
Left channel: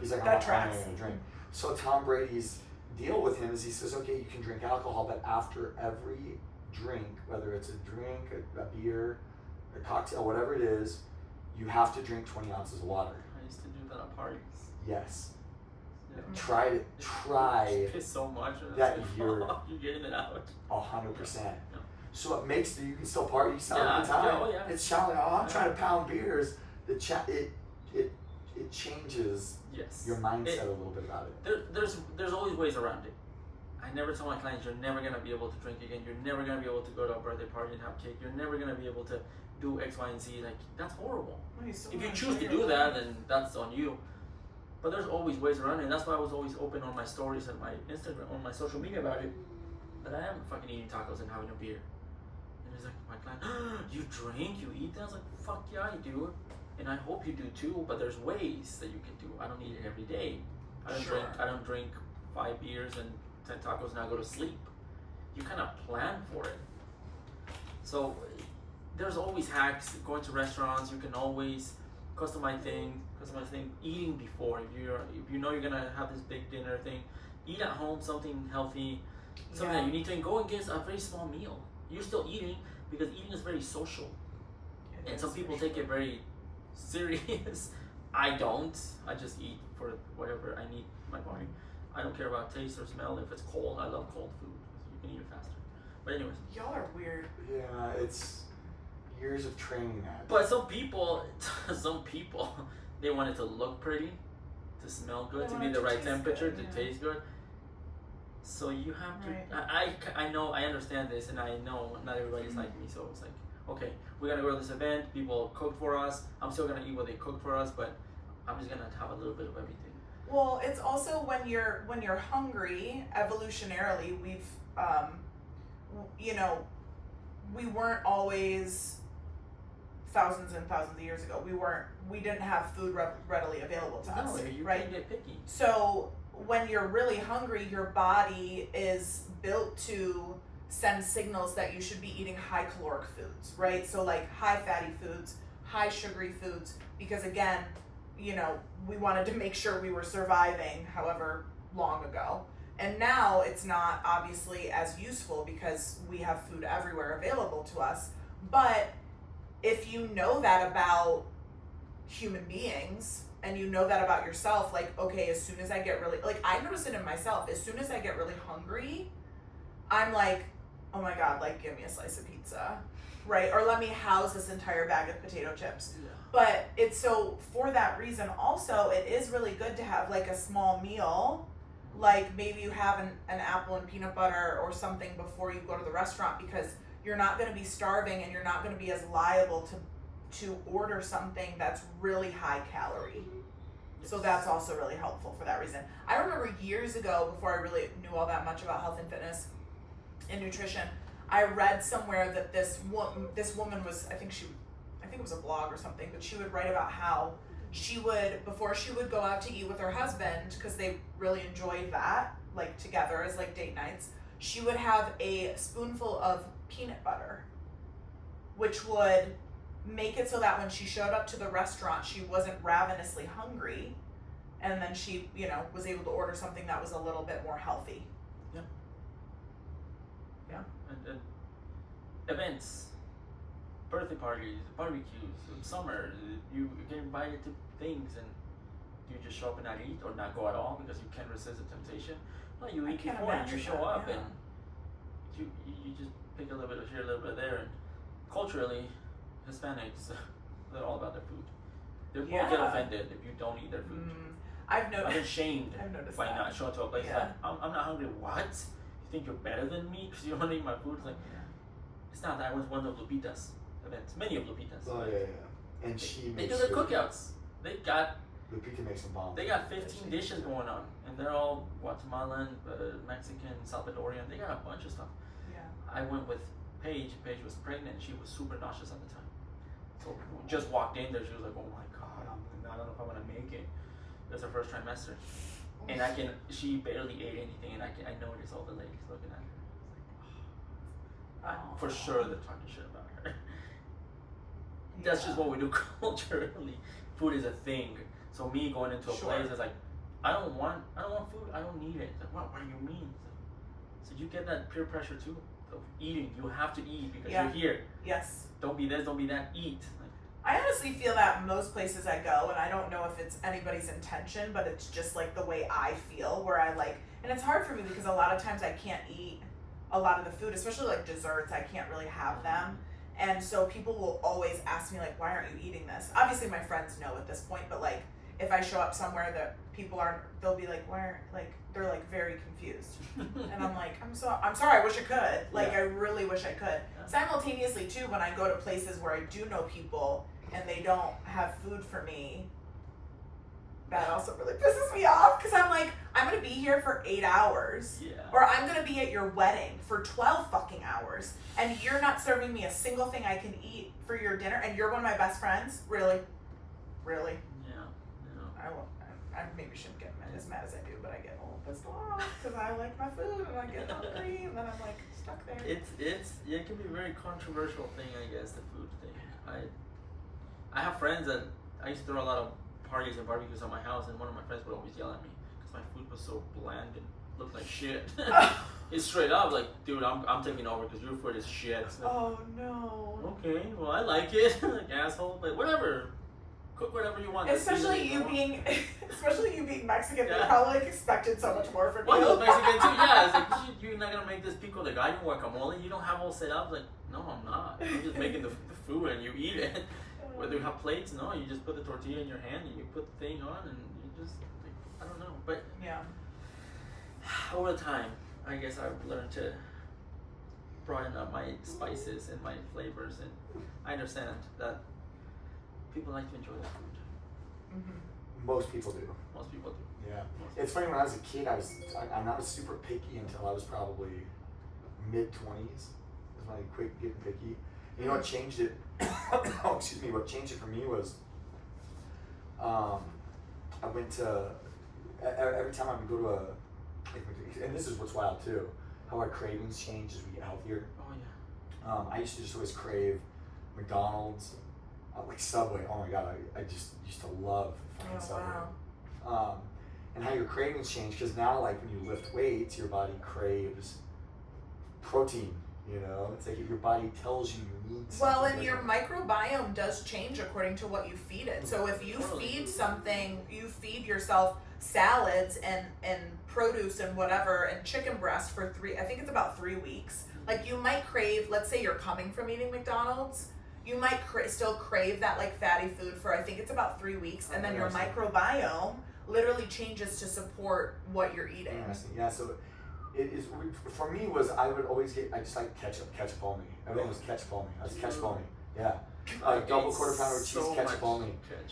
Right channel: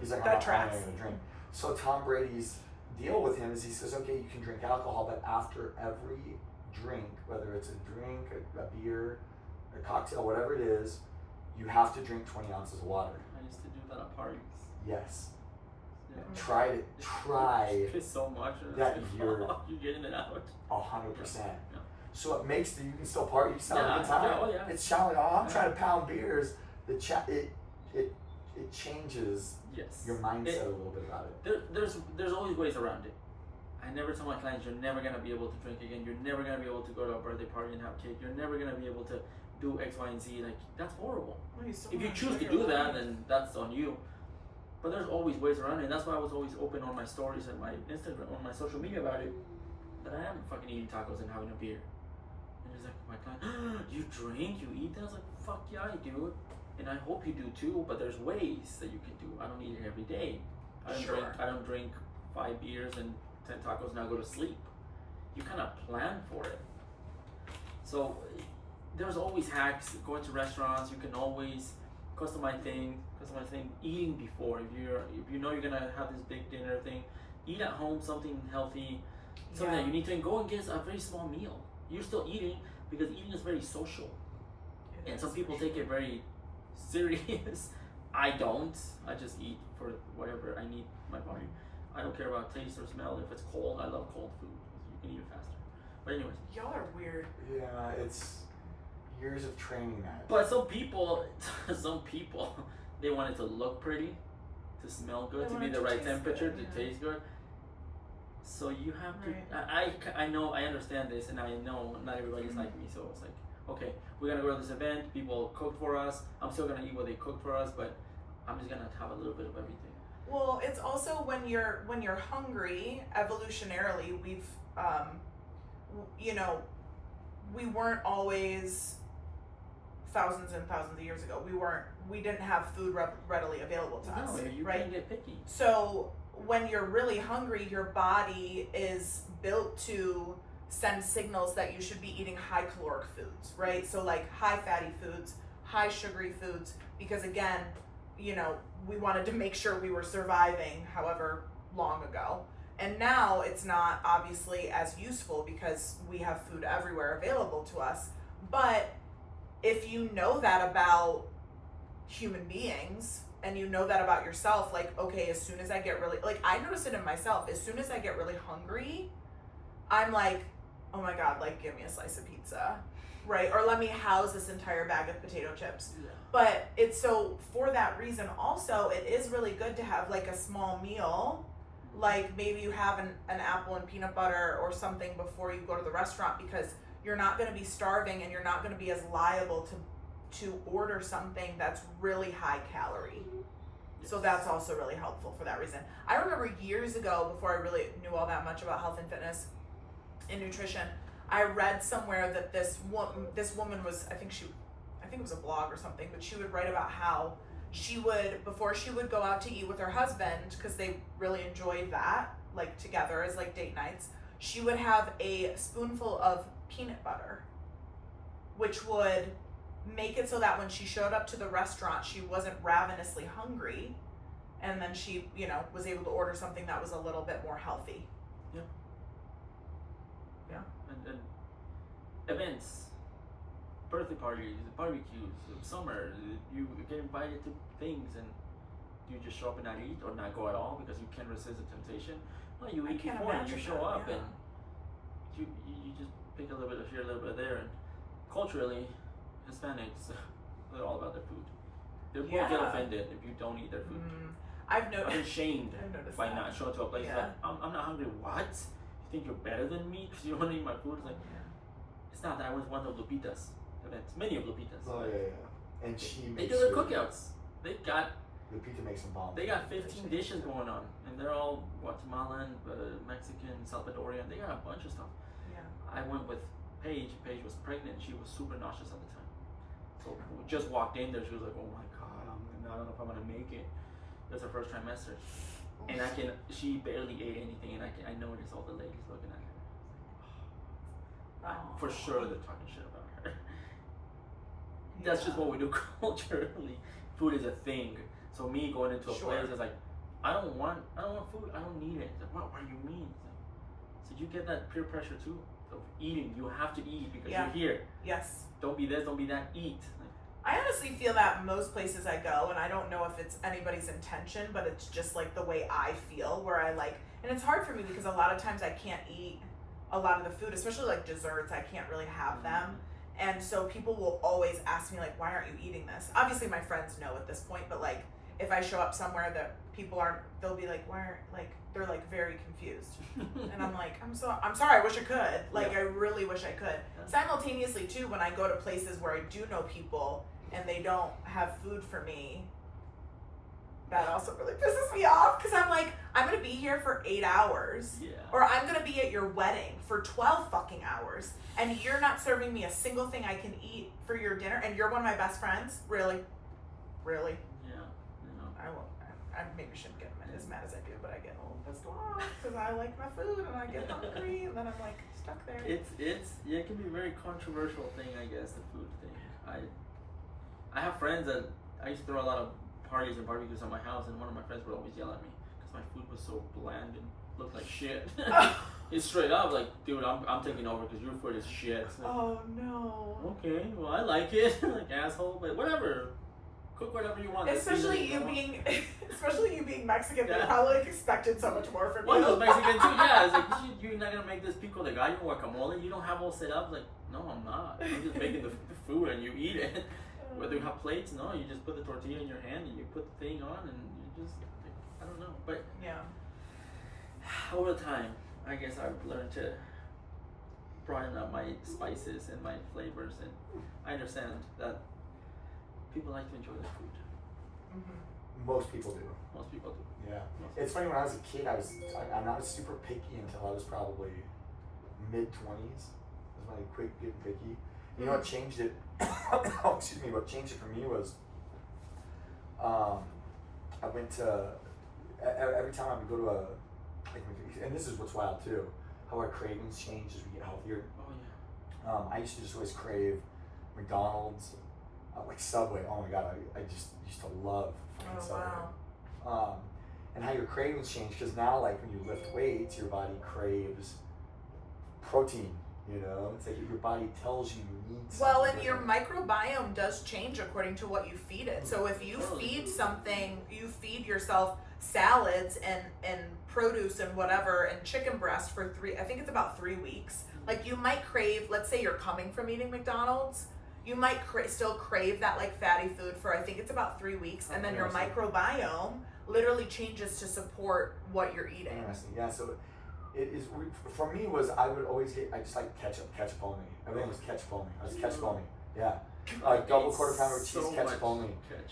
He's like, That I'm tracks. not going to drink. So Tom Brady's deal with him is he says, okay, you can drink alcohol, but after every drink, whether it's a drink, a beer, a cocktail, whatever it is, you have to drink 20 ounces of water. I used to do that at parties. Yes. Yeah. Try Piss so much. that you're getting it out. 100%. Yeah. So it makes you can still party, you still have a good Yeah, time. yeah, oh, yeah. It's challenging. Oh, I'm trying to pound beers. It changes Yes. your mindset a little bit about it. There's always ways around it. I never tell my clients you're never gonna be able to drink again. You're never gonna be able to go to a birthday party and have cake. You're never gonna be able to do X, Y, and Z. Like that's horrible. Well, If you choose to do that, then that's on you. But there's always ways around it, and that's why I was always open on my stories and my Instagram, on my social media about it. That I am fucking eating tacos and having a beer. And he's like, my client, you drink, you eat that? I was like, fuck yeah, I do. And I hope you do too, but there's ways that you can do. I don't eat it every day. I don't drink 5 beers and 10 tacos and I go to sleep. You kind of plan for it. So there's always hacks. Going to restaurants, you can always customize thing. Eating before, if you know you're gonna have this big dinner thing, eat at home something healthy, something that you need to go and get a very small meal. You're still eating because eating is very social, and some people take it very serious. I don't. I just eat for whatever I need my body. I don't care about taste or smell. If it's cold, I love cold food. You can eat it faster. But anyways. Y'all are weird. Yeah, it's years of training that. But some people, they want it to look pretty, to smell good, to be the right temperature, to taste good. So you have to. I know. I understand this, and I know not everybody's like me. So it's like, okay, we're gonna go to this event. People cook for us. I'm still gonna eat what they cooked for us, but I'm just gonna have a little bit of everything. Well, it's also when you're hungry. Evolutionarily, we've we weren't always thousands and thousands of years ago. We didn't have food readily available to us, you right? can get picky. So when you're really hungry, your body is built to send signals that you should be eating high caloric foods, right? So like high fatty foods, high sugary foods, because again, we wanted to make sure we were surviving however long ago. And now it's not obviously as useful because we have food everywhere available to us. But if you know that about human beings and you know that about yourself, like, okay, as soon as I get really, like, I notice it in myself, as soon as I get really hungry, I'm like, oh my God, like, give me a slice of pizza, right? Or let me house this entire bag of potato chips. Yeah. But it's so, for that reason also, it is really good to have like a small meal, like maybe you have an apple and peanut butter or something before you go to the restaurant, because you're not going to be starving and you're not going to be as liable to order something that's really high calorie. So that's also really helpful for that reason. I remember years ago, before I really knew all that much about health and fitness and nutrition, I read somewhere that this woman was, I think it was a blog or something, but she would write about how she would, before she would go out to eat with her husband, because they really enjoyed that, like together as like date nights, she would have a spoonful of peanut butter, which would make it so that when she showed up to the restaurant, she wasn't ravenously hungry, and then she, you know, was able to order something that was a little bit more healthy. Yeah. And events, birthday parties, barbecues, summer, you get invited to things and you just show up and not eat or not go at all because you can't resist the temptation. No, you eat before and you show up and you just pick a little bit of here, a little bit there. And culturally, Hispanics, they're all about their food. They will get offended if you don't eat their food. I've been shamed by that. not showing to a place like, I'm not hungry. What? You think you're better than me because you don't want to eat my food? It's like, it's not that. I was one of Lupita's events. Many of Lupita's. Oh yeah. And they do their cookouts. Lupita makes some bomb. They got 15 dishes going on, and they're all Guatemalan, Mexican, Salvadorian. They got a bunch of stuff. Yeah. I went with Paige. Paige was pregnant. She was super nauseous at the time. So we just walked in there. She was like, "Oh my God, I don't know if I'm gonna make it." It was her first trimester, and she barely ate anything, and I noticed all the ladies looking at her. For sure, they're talking shit about her. That's just what we do culturally. Food is a thing. So me going into a place, it's like, I don't want food. I don't need it. It's like, what do you mean? So you get that peer pressure too of eating. You have to eat because you're here. Yes. Don't be this. Don't be that. Eat. I honestly feel that most places I go, and I don't know if it's anybody's intention, but it's just like the way I feel, where I like, and it's hard for me because a lot of times I can't eat a lot of the food, especially like desserts. I can't really have them. And so people will always ask me like, why aren't you eating this? Obviously my friends know at this point, but like if I show up somewhere that people aren't, they'll be like, why aren't, like, they're like very confused. And I'm like, I'm sorry, I wish I could. Like, I really wish I could. Simultaneously too, when I go to places where I do know people and they don't have food for me, that also really pisses me off, because I'm like, I'm gonna be here for 8 hours, or I'm gonna be at your wedding for 12 fucking hours, and you're not serving me a single thing I can eat for your dinner, and you're one of my best friends? Really? I maybe shouldn't get as mad as I do, but I get a little pissed off because I like my food and I get hungry, and then I'm like stuck there. It can be a very controversial thing, I guess, the food thing. I have friends that I used to throw a lot of parties and barbecues at my house, and one of my friends would always yell at me because my food was so bland and looked like shit. It's straight up like, dude, I'm taking over because your food is shit. Like, oh no. Okay, well I like it, like asshole, but whatever. Cook whatever you want. Especially you being Mexican, they probably like expected so much more from you. Well, Mexican too, yeah. It's like, you're not gonna make this pico de gallo guacamole. You don't have all set up. Like, no, I'm not. I'm just making the food and you eat it. Whether you have plates, no, you just put the tortilla in your hand and you put the thing on and you just, like, I don't know. But over time, I guess I've learned to broaden up my spices and my flavors, and I understand that people like to enjoy their food. Mm-hmm. Most people do. Yeah. It's funny, when I was a kid, I'm not super picky until I was probably mid-20s. Was when I quit getting picky. You know what changed it? Oh, excuse me. What changed it for me was, I went to, every time I would go to and this is what's wild too, how our cravings change as we get healthier. Oh yeah. I used to just always crave McDonald's, like Subway. Oh my God, I just used to love fucking Subway. Wow. and how your cravings change. Because now, like when you lift weights, your body craves protein. You know, it's like your body tells you need something. Well, and your microbiome does change according to what you feed it. So if you feed something, you feed yourself salads and produce and whatever and chicken breast for I think it's about 3 weeks. Like you might crave, let's say you're coming from eating McDonald's, you might still crave that like fatty food for I think it's about 3 weeks, and then your microbiome literally changes to support what you're eating. Interesting. Yeah, so it is, for me was, I would always I just like ketchup only. Everything was ketchup only. I was ketchup only. Yeah. Double quarter pounder with cheese, ketchup only.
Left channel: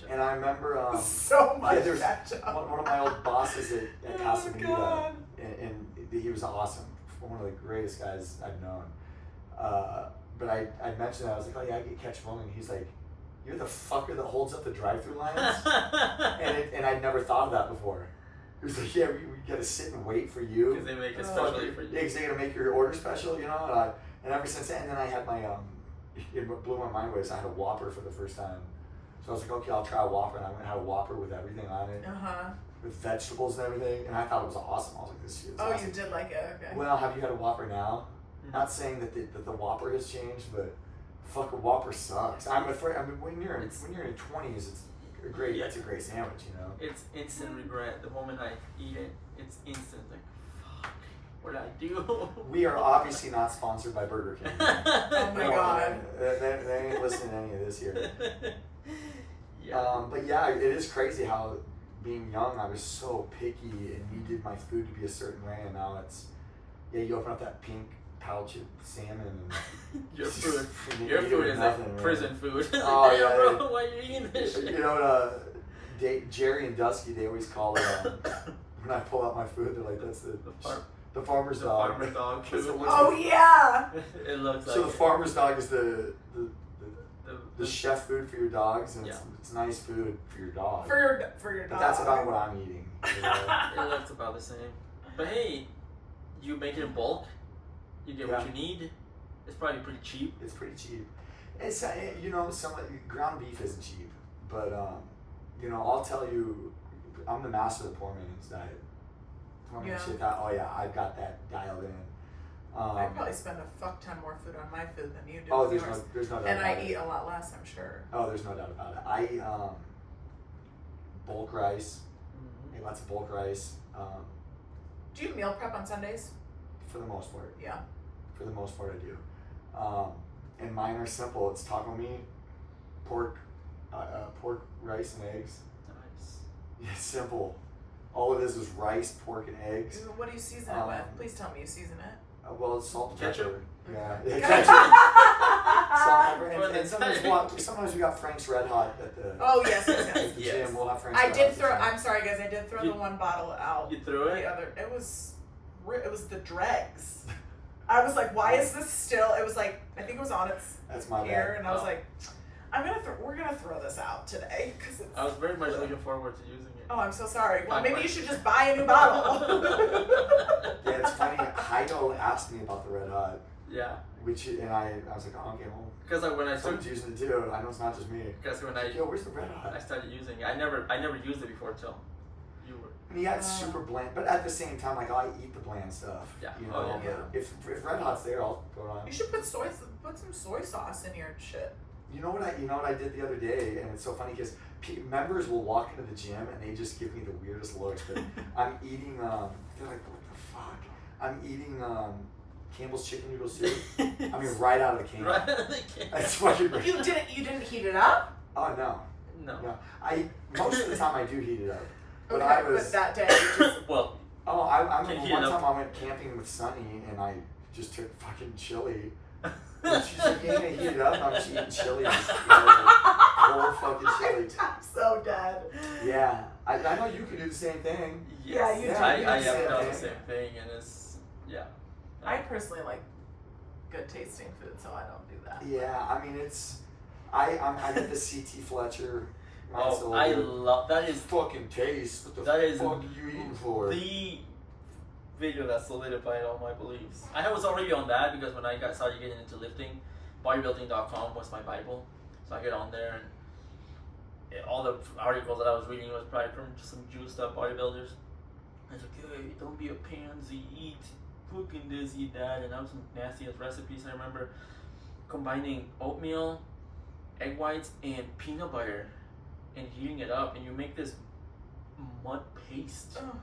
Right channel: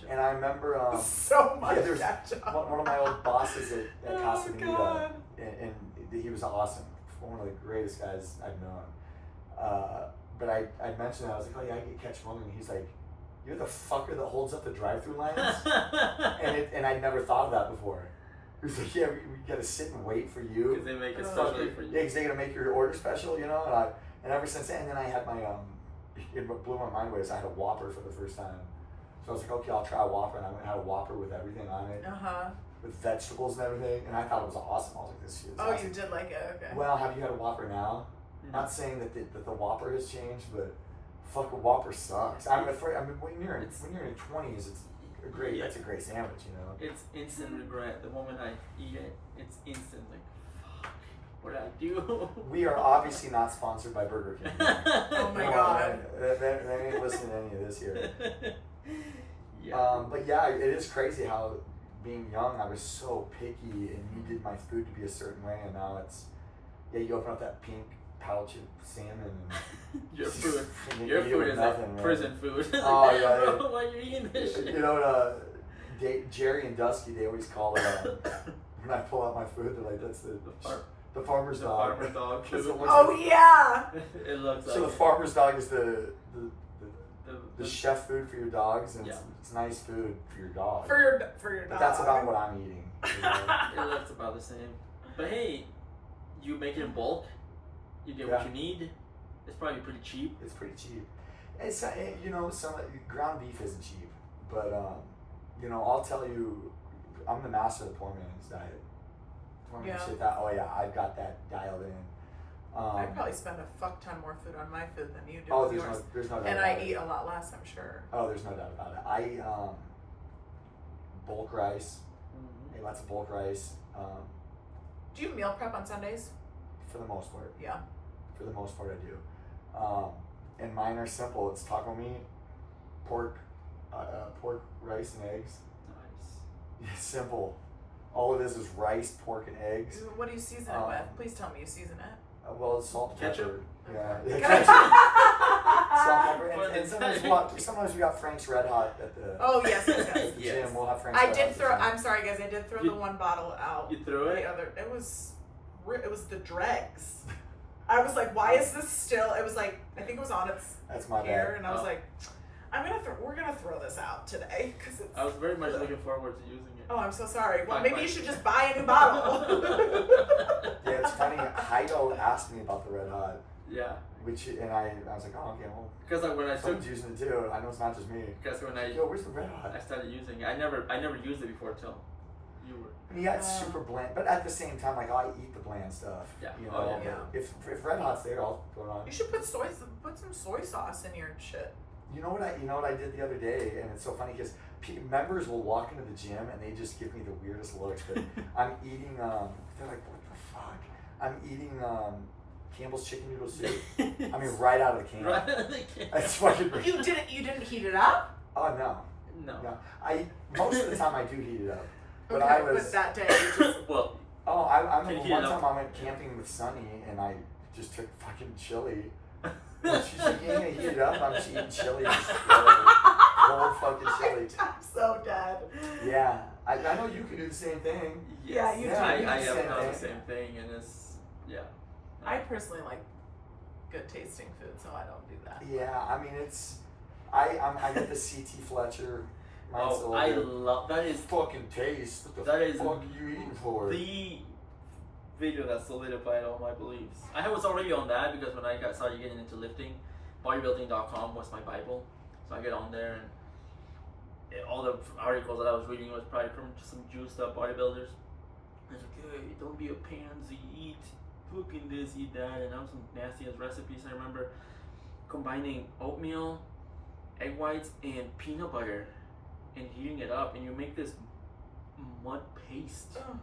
And I remember so much there was ketchup. One of my old bosses at Casa Bonita, God. and he was awesome. One of the greatest guys I've known. But I mentioned that, I was like, oh yeah, I get ketchup only, and he's like, you're the fucker that holds up the drive-thru lines? and I'd never thought of that before. He was like, yeah, we gotta sit and wait for you. Because they make it specially for you. Yeah, because they're gonna make your order special, you know? And ever since then, I had my, it blew my mind away, so I had a Whopper for the first time. So I was like, okay, I'll try a Whopper, and I went and had a Whopper with everything on it. With vegetables and everything, and I thought it was awesome. I was like, this is awesome. You did like it, okay. Well, have you had a Whopper now? Mm-hmm. Not saying that the Whopper has changed, but fuck, a Whopper sucks. I'm afraid. I mean, when you're in your 20s, it's great. Yeah. That's a great sandwich, you know. It's instant regret. The moment I eat it, it's instant. Like, fuck, what did I do? We are obviously not sponsored by Burger King. Oh my god. They ain't listening to any of this here. Yeah. But yeah, it is crazy how being young, I was so picky and needed my food to be a certain way, and now it's, you open up that pink pouch of salmon and your food is nothing, like prison food. Oh yeah, bro, why are you eating this shit? You know, Jerry and Dusky, they always call it when I pull out my food, they're like, that's the farmer's dog. Farmer's dog food. Yeah. It looks like so the farmer's dog is the chef food for your dogs, and it's nice food for your dog. For your dog. But that's about what I'm eating. You know? It looks about the same. But hey, you make it in bulk. You get what you need. It's probably pretty cheap. It's pretty cheap. It's you know, some ground beef isn't cheap, but you know, I'll tell you, I'm the master of the poor man's diet. I've got that dialed in. I probably spend a fuck ton more food on my food than you do. Oh, there's no doubt. And about I eat a lot less, I'm sure. Oh, there's no doubt about it. I eat bulk rice. I eat lots of bulk rice. Do you meal prep on Sundays? For the most part. Yeah. For the most part, I do. And mine are simple. It's taco meat, pork, rice, and eggs. Nice. It's simple. All it is rice, pork, and eggs. What do you season it with? Please tell me you season it. Well, it's salt and ketchup. Pepper. Yeah, ketchup. Salt, pepper, and sometimes we got Frank's Red Hot at the. Oh yes. At the gym. We'll have Frank's. I'm sorry, guys. I did throw the one bottle out. You threw it. It was the dregs. I was like, why is this still? It was like, I think it was on its hair, and I was like, we're gonna throw this out today because I was very much looking forward to using it. Oh, I'm so sorry. Well, maybe you should just buy a new bottle. Yeah, it's funny. Heido asked me about the Red Hot. Yeah. And I was like, oh, okay, well. Because like when I started using it too, I know it's not just me. Because when where's the Red Hot? I started using it. I never used it before till you were. I mean, yeah, it's super bland, but at the same time, like I eat the bland stuff. Yeah. You know, if Red Hot's there, I'll throw it on. You should put some soy sauce in your shit. You know what I did the other day, and it's so funny because members will walk into the gym and they just give me the weirdest looks. But I'm eating. They're like, what the fuck? I'm eating Campbell's chicken noodle soup. I mean, right out of the can. Right out of the can. That's fucking great. You didn't heat it up? Oh no. Most of the time I do heat it up. But okay, but that day you just well. Oh, I remember one time I went camping with Sunny and I just took fucking chili. She's like, you ain't gonna heat it up. I'm just eating chili. Whole fucking chili. I'm so dead. Yeah, I know you can do the same thing. Yeah, you do. I have done the same thing, and it's I personally like good tasting food, so I don't do that. Yeah, I mean I get the CT Fletcher. Oh, I love that. Is fucking taste. What the fuck are you eating for? The video that solidified all my beliefs. I was already on that because when I started getting into lifting, bodybuilding.com was my Bible. So I get on there and all the articles that I was reading was probably from just some juiced up bodybuilders. don't be a pansy, eat cooking this, eat that, and I have some nasty ass recipes. I remember combining oatmeal, egg whites, and peanut butter, and heating it up, and you make this mud paste. Oh.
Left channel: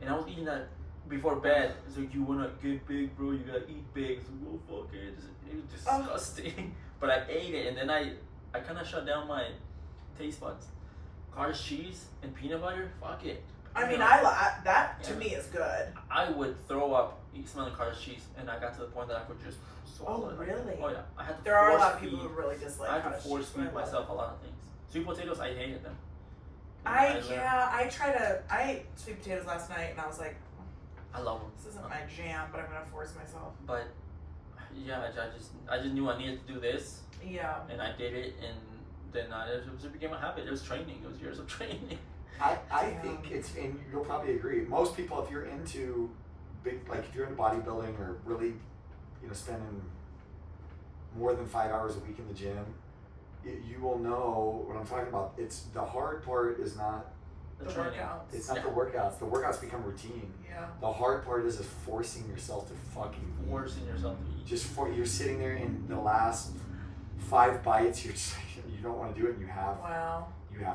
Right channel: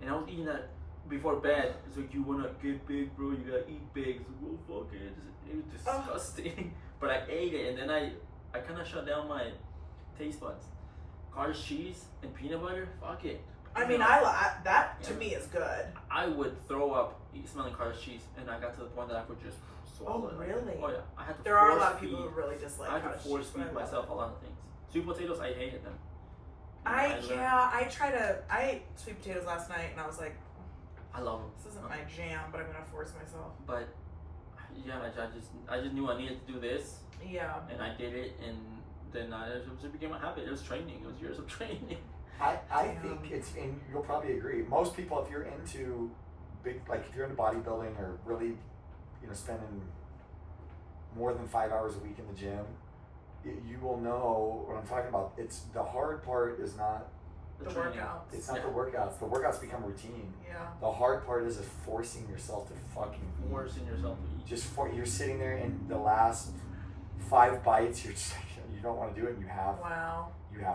And I was eating that before bed. It's like, you wanna get big, bro? You gotta eat big. It's like, well, fuck it. It was disgusting. But I ate it, and then I kind of shut down my taste buds. Cottage cheese and peanut butter, fuck it. I mean, that to me is good. I would throw up smelling cottage cheese, and I got to the point that I could just swallow it. Really? Oh yeah, I had to. There are a lot of people who really dislike I had cottage to force cheese. but I feed love myself a lot of things. Sweet potatoes, I hated them. I ate sweet potatoes last night, and I was like, I love them. this isn't my jam, but I'm gonna force myself. But yeah, I just knew I needed to do this, Yeah. and I did it, and then it became a habit. It was training. It was years of training. I think it's, and you'll probably agree, most people, if you're into if you're into bodybuilding or really, spending more than 5 hours a week in the gym, you will know what I'm talking about. It's the hard part is not The workouts. It's not the workouts. The workouts become routine. Yeah. The hard part is forcing yourself to fucking eat. Forcing yourself to eat. You're sitting there and the last 5 bites, you're just like, you don't want to do it, and you have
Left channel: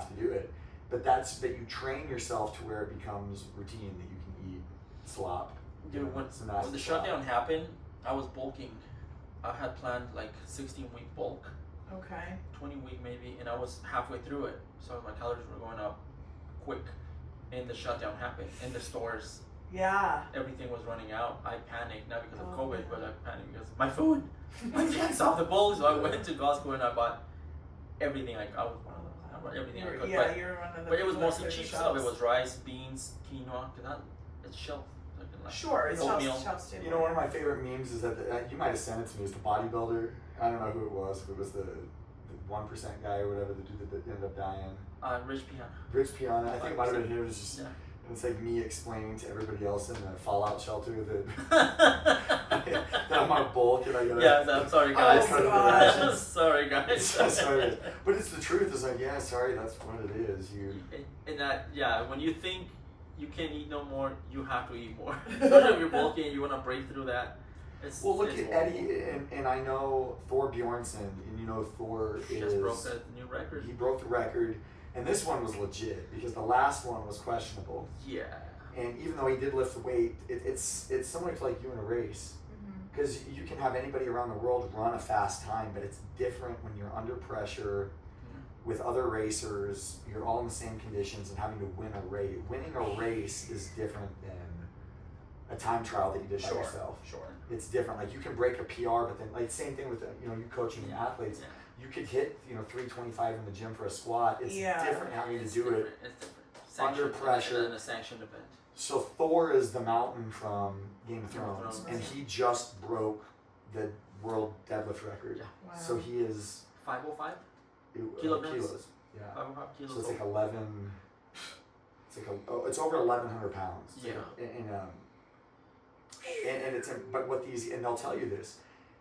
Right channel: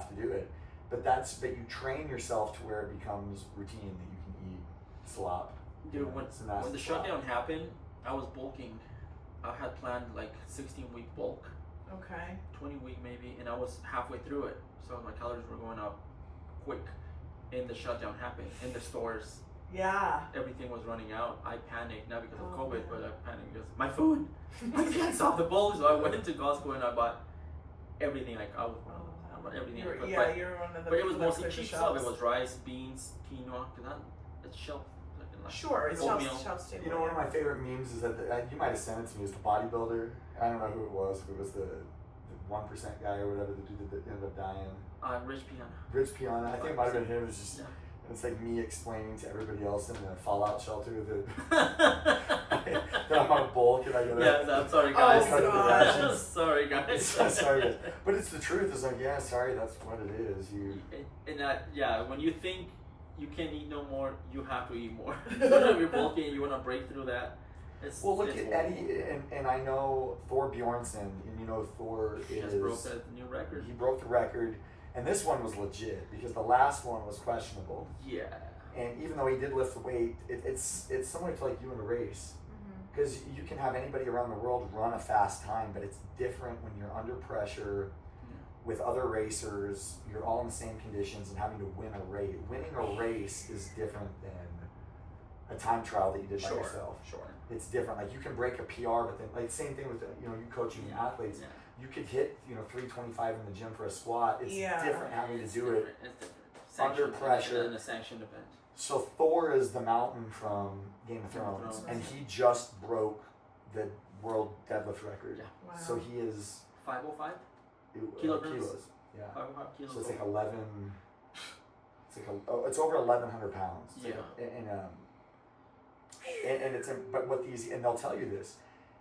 to do it. But you train yourself to where it becomes routine that you can eat slop. Dude, when the shutdown happened, I was bulking. I had planned like 16-week bulk. Okay. 20-week maybe, and I was halfway through it, so my calories were going up quick. And the shutdown happened in the stores. Yeah. Everything was running out. I panicked, not because of Oh, COVID, yeah. but I panicked because my food. I can't stop the bulk, so I went to Costco and I bought everything. I bought everything I could. You're one of the But it was people that mostly clears the cheap stuff. shelves. It was rice, beans, quinoa. It's shelf. Sure, it's oatmeal. shelf stable. One of my favorite memes is that you might have sent it to me. Is the bodybuilder? I don't know who it was. If it was the 1% guy or whatever, the dude that ended up dying. Rich Piana. Rich Piana. I think it might have been him. It was just. Yeah. And it's like me explaining to everybody else in the fallout shelter that I'm on bulk and I gotta. Yeah, I'm sorry guys. Oh, God. Sorry guys. Sorry. But it's the truth. It's like, yeah, sorry, that's what it is. And that, when you think you can't eat no more, you have to eat more. Especially if you're bulking and you want to break through that. Look at Eddie, and I know Thor Bjornsson, and Thor just broke the new record. He broke the record, and this one was legit because the last one was questionable. Yeah. And even though he did lift the weight, it's similar to like you in a race, because you can have anybody around the world run a fast time, but it's different when you're under pressure with other racers. You're all in the same conditions and having to win a race. Winning a race is different than a time trial that you did by yourself. Sure. It's different. Like you can break a PR, but then like same thing with you coaching the athletes. Yeah. You could hit 325 in the gym for a squat. It's different having to It's do different. it It's different. under pressure In a sanctioned event. So Thor is the mountain from Game of Thrones, and he just broke the world deadlift record. Yeah. Wow. So he is 505 kilos. Yeah. 505 kilos. So it's like 11. It's over 1,100 pounds. It's Yeah. And it's but what these, and they'll tell you this,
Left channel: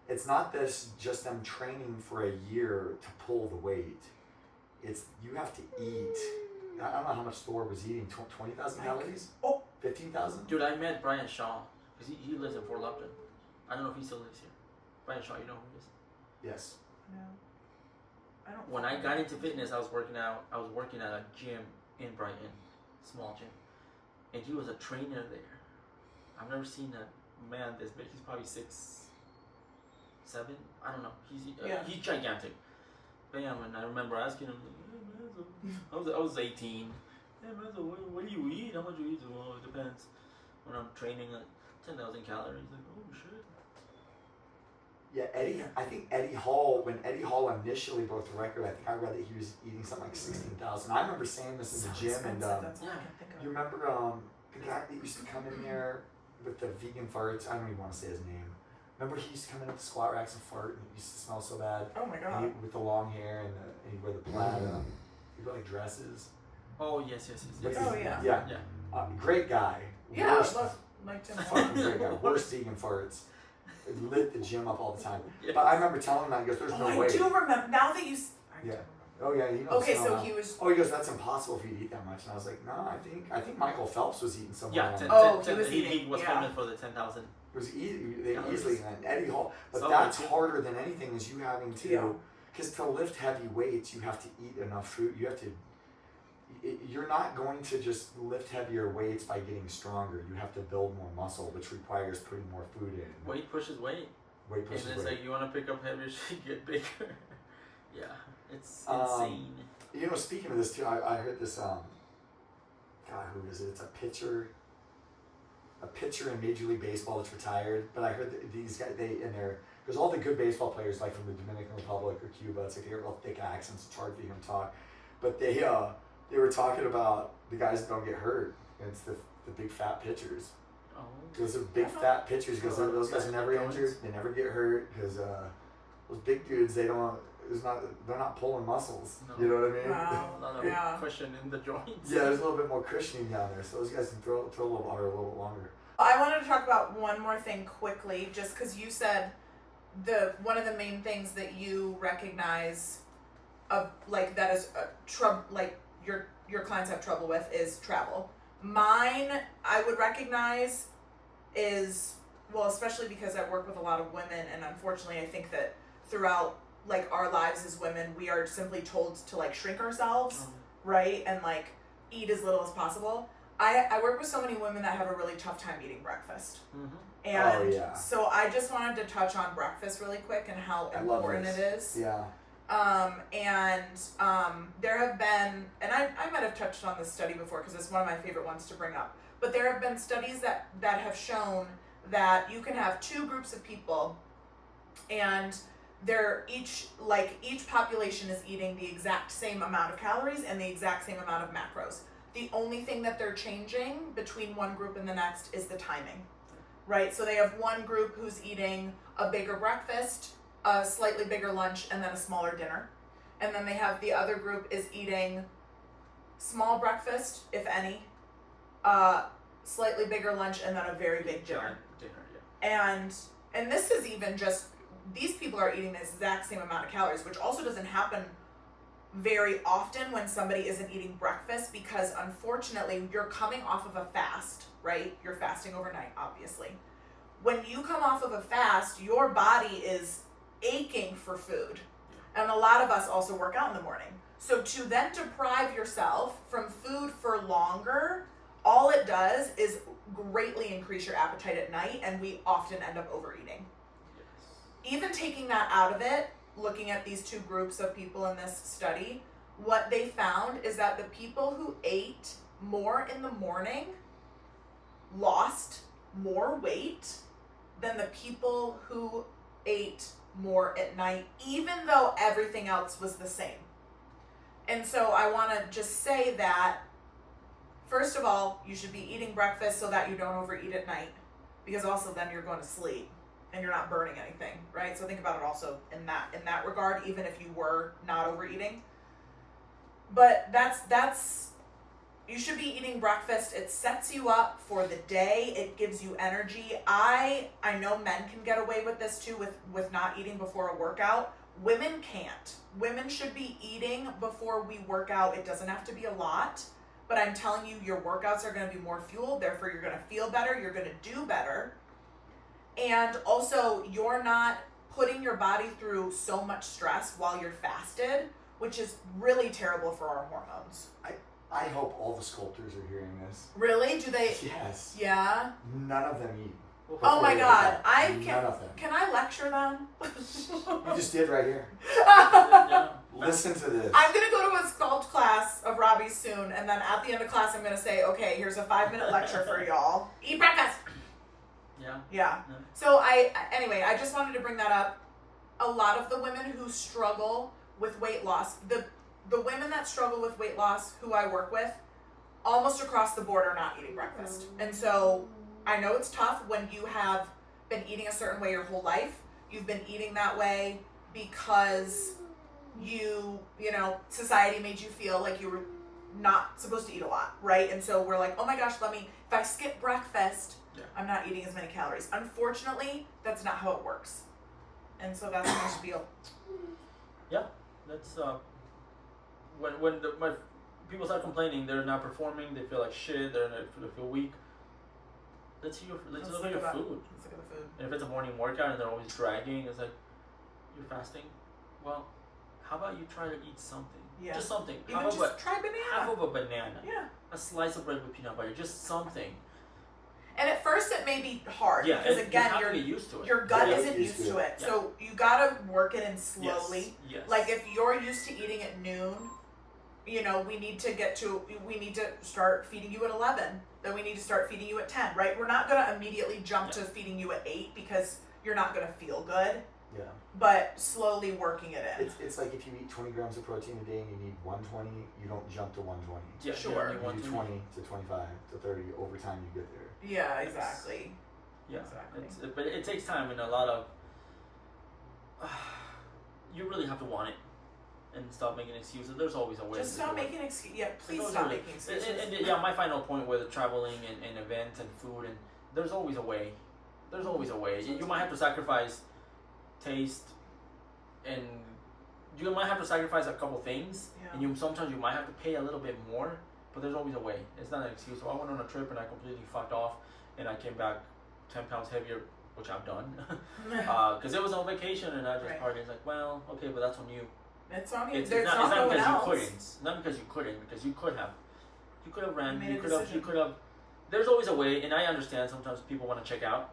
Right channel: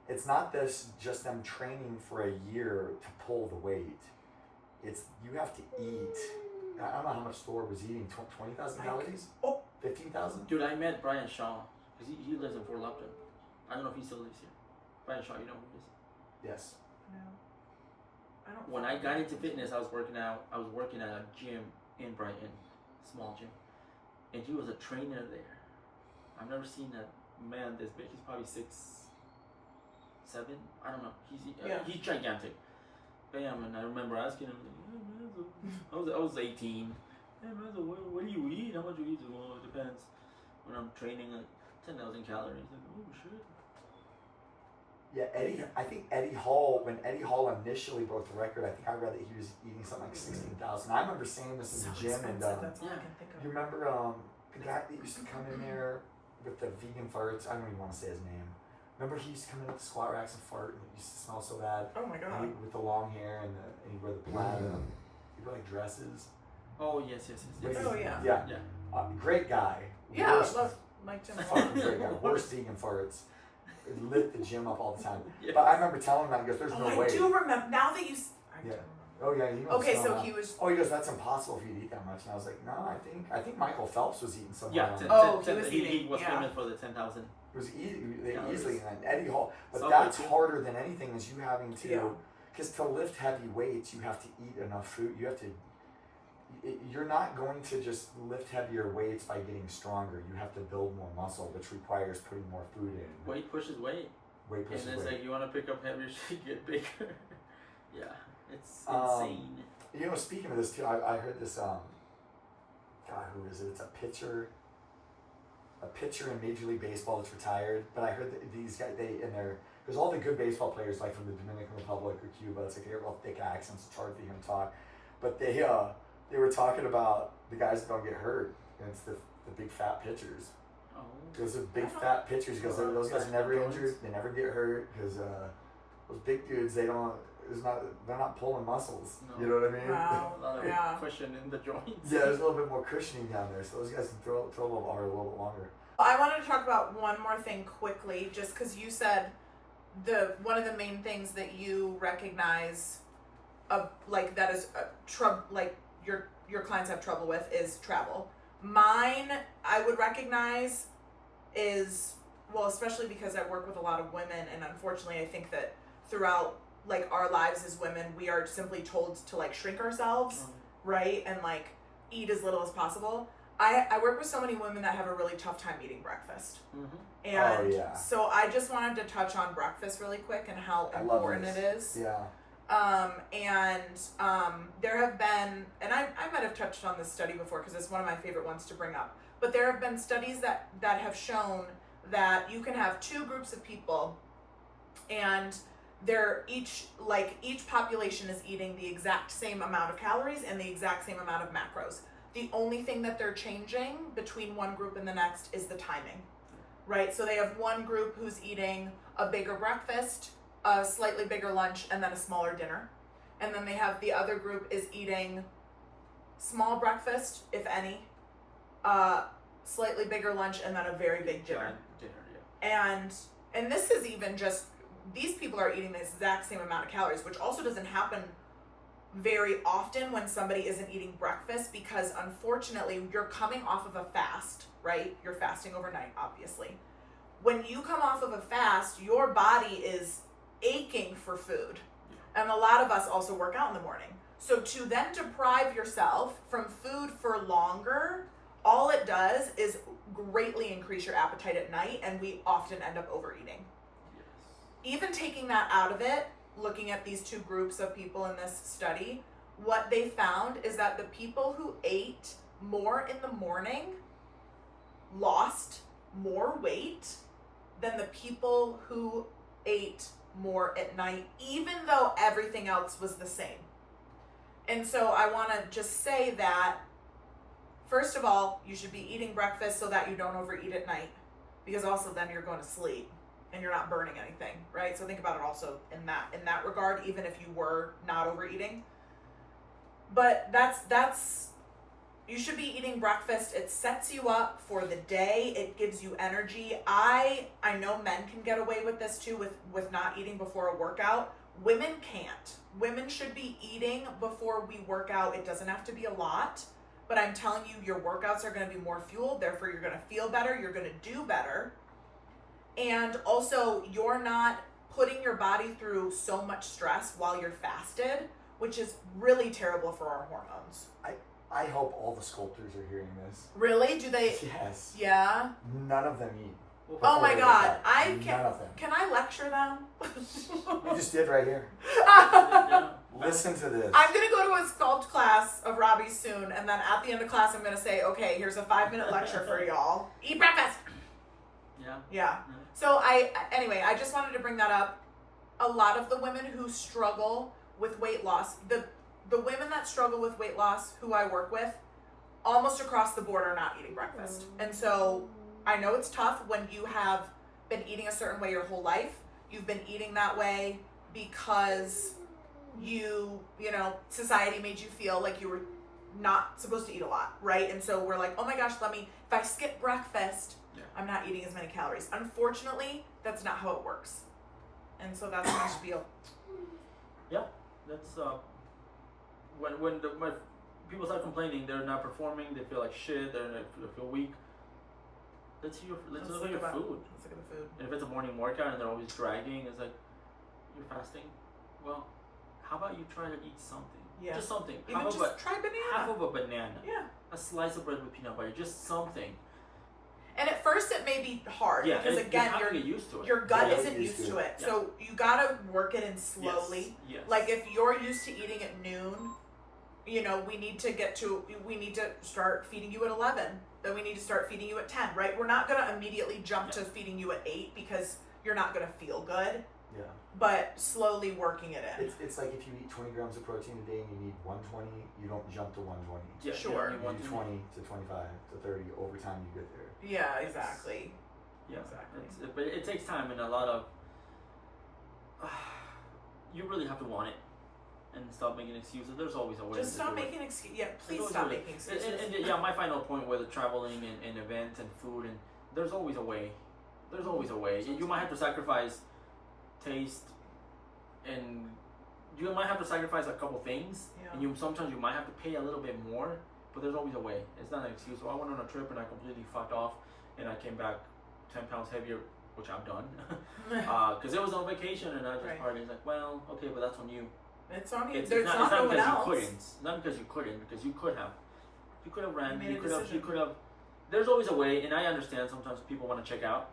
it's not just them training for a year to pull the weight. It's you have to eat. I don't know how much Thor was eating. 20,000 calories. 15,000. Dude, I met Brian Shaw because he lives in Fort Lupton. I don't know if he still lives here. Brian Shaw, you know who he is? Yes. No. I don't. When I got into fitness, I was working at a gym in Brighton, small gym, and he was a trainer there. I've never seen a man this big. He's probably 6'7". I don't know. He's gigantic. But yeah, and I remember asking him, hey, man, I was 18. Hey man, so what do you eat? How much do you eat? Well, it depends. When I'm training, like 10,000 calories. Like, oh shit. Yeah, Eddie. I think Eddie Hall. When Eddie Hall initially broke the record, I think I read that he was eating something like 16,000. I remember saying this in the gym, and That's all I can think of. you remember the guy that used to come in there with the vegan farts. I don't even want to say his name. Remember he used to come in with the squat racks and fart, and it used to smell so bad. Oh my god. And with the long hair and he'd wear the plaid. He'd wear like dresses. Oh yes. Oh yeah. Yeah. Great guy. Yeah, Worst, like Jim. fucking great guy. Worst vegan farts. It lit the gym up all the time. Yes. But I remember telling him that, he goes, there's no I way. do remember. Now that you. I do Yeah. remember. Oh yeah, he knows. Okay, so he was. Oh, he goes, that's impossible for you to eat that much, and I was like, no, I think Michael Phelps was eating somewhere. Yeah, around. He was eating. He was Yeah. famous for the 10,000. It was they Yeah, easily in that Eddie Hall, but So that's good, too. harder than anything. Is you having Yeah. to, because to lift heavy weights, you have to eat enough food. You have to. You're not going to just lift heavier weights by getting stronger. You have to build more muscle, which requires putting more food in. Weight pushes weight. Weight pushes And it's weight. like you want to pick up heavier shit, get bigger. Yeah, it's Um, insane. Speaking of this too, I heard this. God, who is it? It's a pitcher in Major League Baseball that's retired. But I heard that these guys, because all the good baseball players, like from the Dominican Republic or Cuba, it's like they have real thick accents. It's hard to hear them talk. But they were talking about the guys that don't get hurt. And it's the big fat pitchers. Oh. Those are big fat pitchers because those guys are never injured. They never get hurt because those big dudes, they're not pulling muscles. No. You know what I mean? Wow. A lot of Yeah. cushion in the joints. Yeah, there's a little bit more cushioning down there, so those guys can throw a little harder, a little bit longer. I wanted to talk about one more thing quickly, just because you said one of the main things that you recognize, that is your clients have trouble with is travel. Mine, I would recognize is, well, especially because I work with a lot of women, and unfortunately, I think that throughout our lives as women, we are simply told to shrink ourselves, right, and eat as little as possible. I work with so many women that have a really tough time eating breakfast. Mm-hmm. And so I just wanted to touch on breakfast really quick and how important it is. Yeah. There have been, and I might have touched on this study before because it's one of my favorite ones to bring up, but there have been studies that have shown that you can have two groups of people and they're each population is eating the exact same amount of calories and the exact same amount of macros. The only thing that they're changing between one group and the next is the timing, right? So they have one group who's eating a bigger breakfast, a slightly bigger lunch, and then a smaller dinner. And then they have the other group is eating small breakfast, if any, slightly bigger lunch, and then a very big dinner. And this is even just, these people are eating the exact same amount of calories, which also doesn't happen very often when somebody isn't eating breakfast, because unfortunately you're coming off of a fast, right? You're fasting overnight, obviously. When you come off of a fast, your body is aching for food. And a lot of us also work out in the morning. So to then deprive yourself from food for longer, all it does is greatly increase your appetite at night, and we often end up overeating. Yes. Even taking that out of it, looking at these two groups of people in this study, what they found is that the people who ate more in the morning lost more weight than the people who ate more at night, even though everything else was the same. And so I want to just say that, first of all, you should be eating breakfast so that you don't overeat at night, because also then you're going to sleep and you're not burning anything, right? So think about it also in that regard, even if you were not overeating. But that's you should be eating breakfast. It sets you up for the day. It gives you energy. I know men can get away with this too, with not eating before a workout. Women can't. Women should be eating before we work out. It doesn't have to be a lot, but I'm telling you, your workouts are going to be more fueled. Therefore, you're going to feel better. You're going to do better. And also, you're not putting your body through so much stress while you're fasted, which is really terrible for our hormones. I hope all the sculptors are hearing this. Really? Do they? Yes. Yeah? None of them eat. Oh my God. None of them. Can I lecture them? You just did right here. Yeah. Listen to this. I'm going to go to a sculpt class of Robbie's soon, and then at the end of class, I'm going to say, okay, here's a 5-minute lecture for y'all. Eat breakfast. Yeah. So anyway, I just wanted to bring that up. A lot of the women who struggle with weight loss, the women that struggle with weight loss who I work with, almost across the board are not eating breakfast. And so I know it's tough when you have been eating a certain way your whole life. You've been eating that way because society made you feel like you were not supposed to eat a lot, right? And so we're like, oh my gosh, if I skip breakfast, I'm not eating as many calories. Unfortunately, that's not how it works. And so that's my spiel. Yeah, that's when my people start complaining, they're not performing, they feel like shit, they feel weak. Let's look at your food. Let's look at the food. And if it's a morning workout and they're always dragging, it's like, you're fasting? Well, how about you try to eat something? Yeah. Just something. Even just try banana. Half of a banana. Yeah. A slice of bread with peanut butter. Just something. And at first it may be hard Yeah, because again you have to get used to it. your gut Yeah, isn't used to it. Yeah. So you gotta work it in slowly. Yes. Like if you're used to eating at noon, we need to start feeding you at 11. Then we need to start feeding you at 10, right? We're not gonna immediately jump to feeding you at 8 because you're not gonna feel good. Yeah. But slowly working it in. It's like if you eat 20 grams of protein a day and you need 120, you don't jump to 120. Yeah, Sure. You You do 20 to 25 to 30 over time you get there. Yeah, exactly. Yeah, Exactly. But it takes time and a lot of. You really have to want it, and stop making excuses. There's always a way. Just to stop do it. making excuses. Yeah, please There's stop always a way. making excuses. And yeah, my final point with traveling and events and food, and there's always a way. There's always a way. You might have to sacrifice taste, and you might have to sacrifice a couple things, Yeah. and sometimes you might have to pay a little bit more. But there's always a way. It's not an excuse. So I went on a trip and I completely fucked off, and I came back 10 pounds heavier, which I've done, because it was on vacation and I just Right. partied. It's like, well, okay, but that's on you. It's on you. It's There's not no one because else. you couldn't. Not because you couldn't. Because you could have. You could have ran. You made a You could have. decision. You could have. There's always a way, and I understand sometimes people want to check out.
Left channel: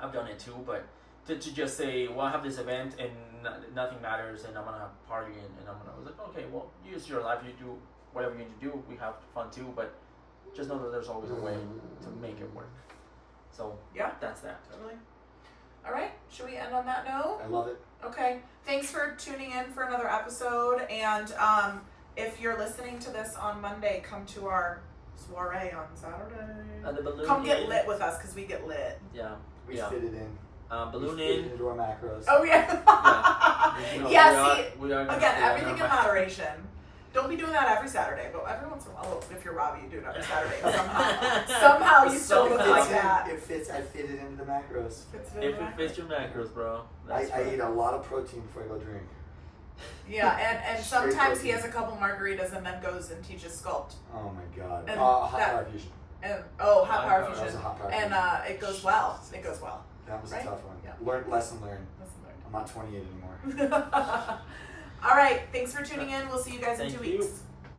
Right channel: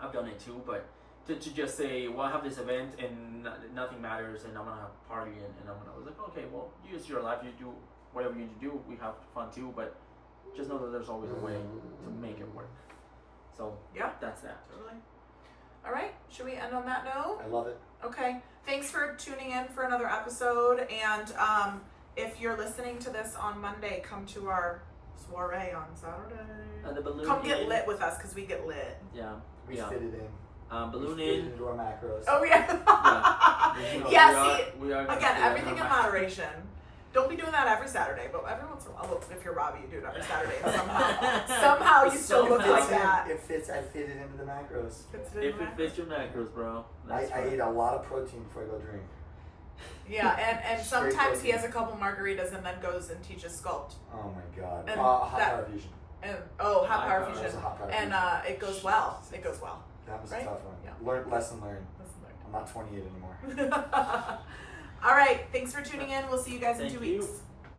I've done it too, but to just say, well, I have this event and nothing matters, and I'm gonna have a party, and I'm gonna. I was like, okay, well, use your life. You do whatever you need to do. We have fun too, but just know that there's always a way to make it work. So Yeah. that's that. Totally. All right. Should we end on that note? I love it. Okay. Thanks for tuning in for another episode. And if you're listening to this on Monday, come to our soiree on Saturday. The balloon Come get in. lit with us because we get lit. Yeah. We Yeah. fit it in. Balloon we fit it in. into our macros. Oh yeah. You know, Yeah. See. we are gonna Again, fit it everything in our ma- moderation. Don't be doing that every Saturday, but every once in a while, if you're Robbie, you do it every Saturday. And somehow you still look Somehow. like that. It fits. I fit it into the macros. Fits in If the it fits your macros, bro. I That's right. eat a lot of protein before I go drink. Yeah, and Straight sometimes he protein. has a couple margaritas and then goes and teaches sculpt. Oh my god. And Hot that- power fusion. And hot Hot power power. That was fusion. a hot power And fusion. it goes well. It goes well. That was right? a tough one. Yeah. Lesson learned. Listen, I'm not 28 anymore. All right. Thanks for tuning in. We'll see you guys in Thank 2 you. weeks.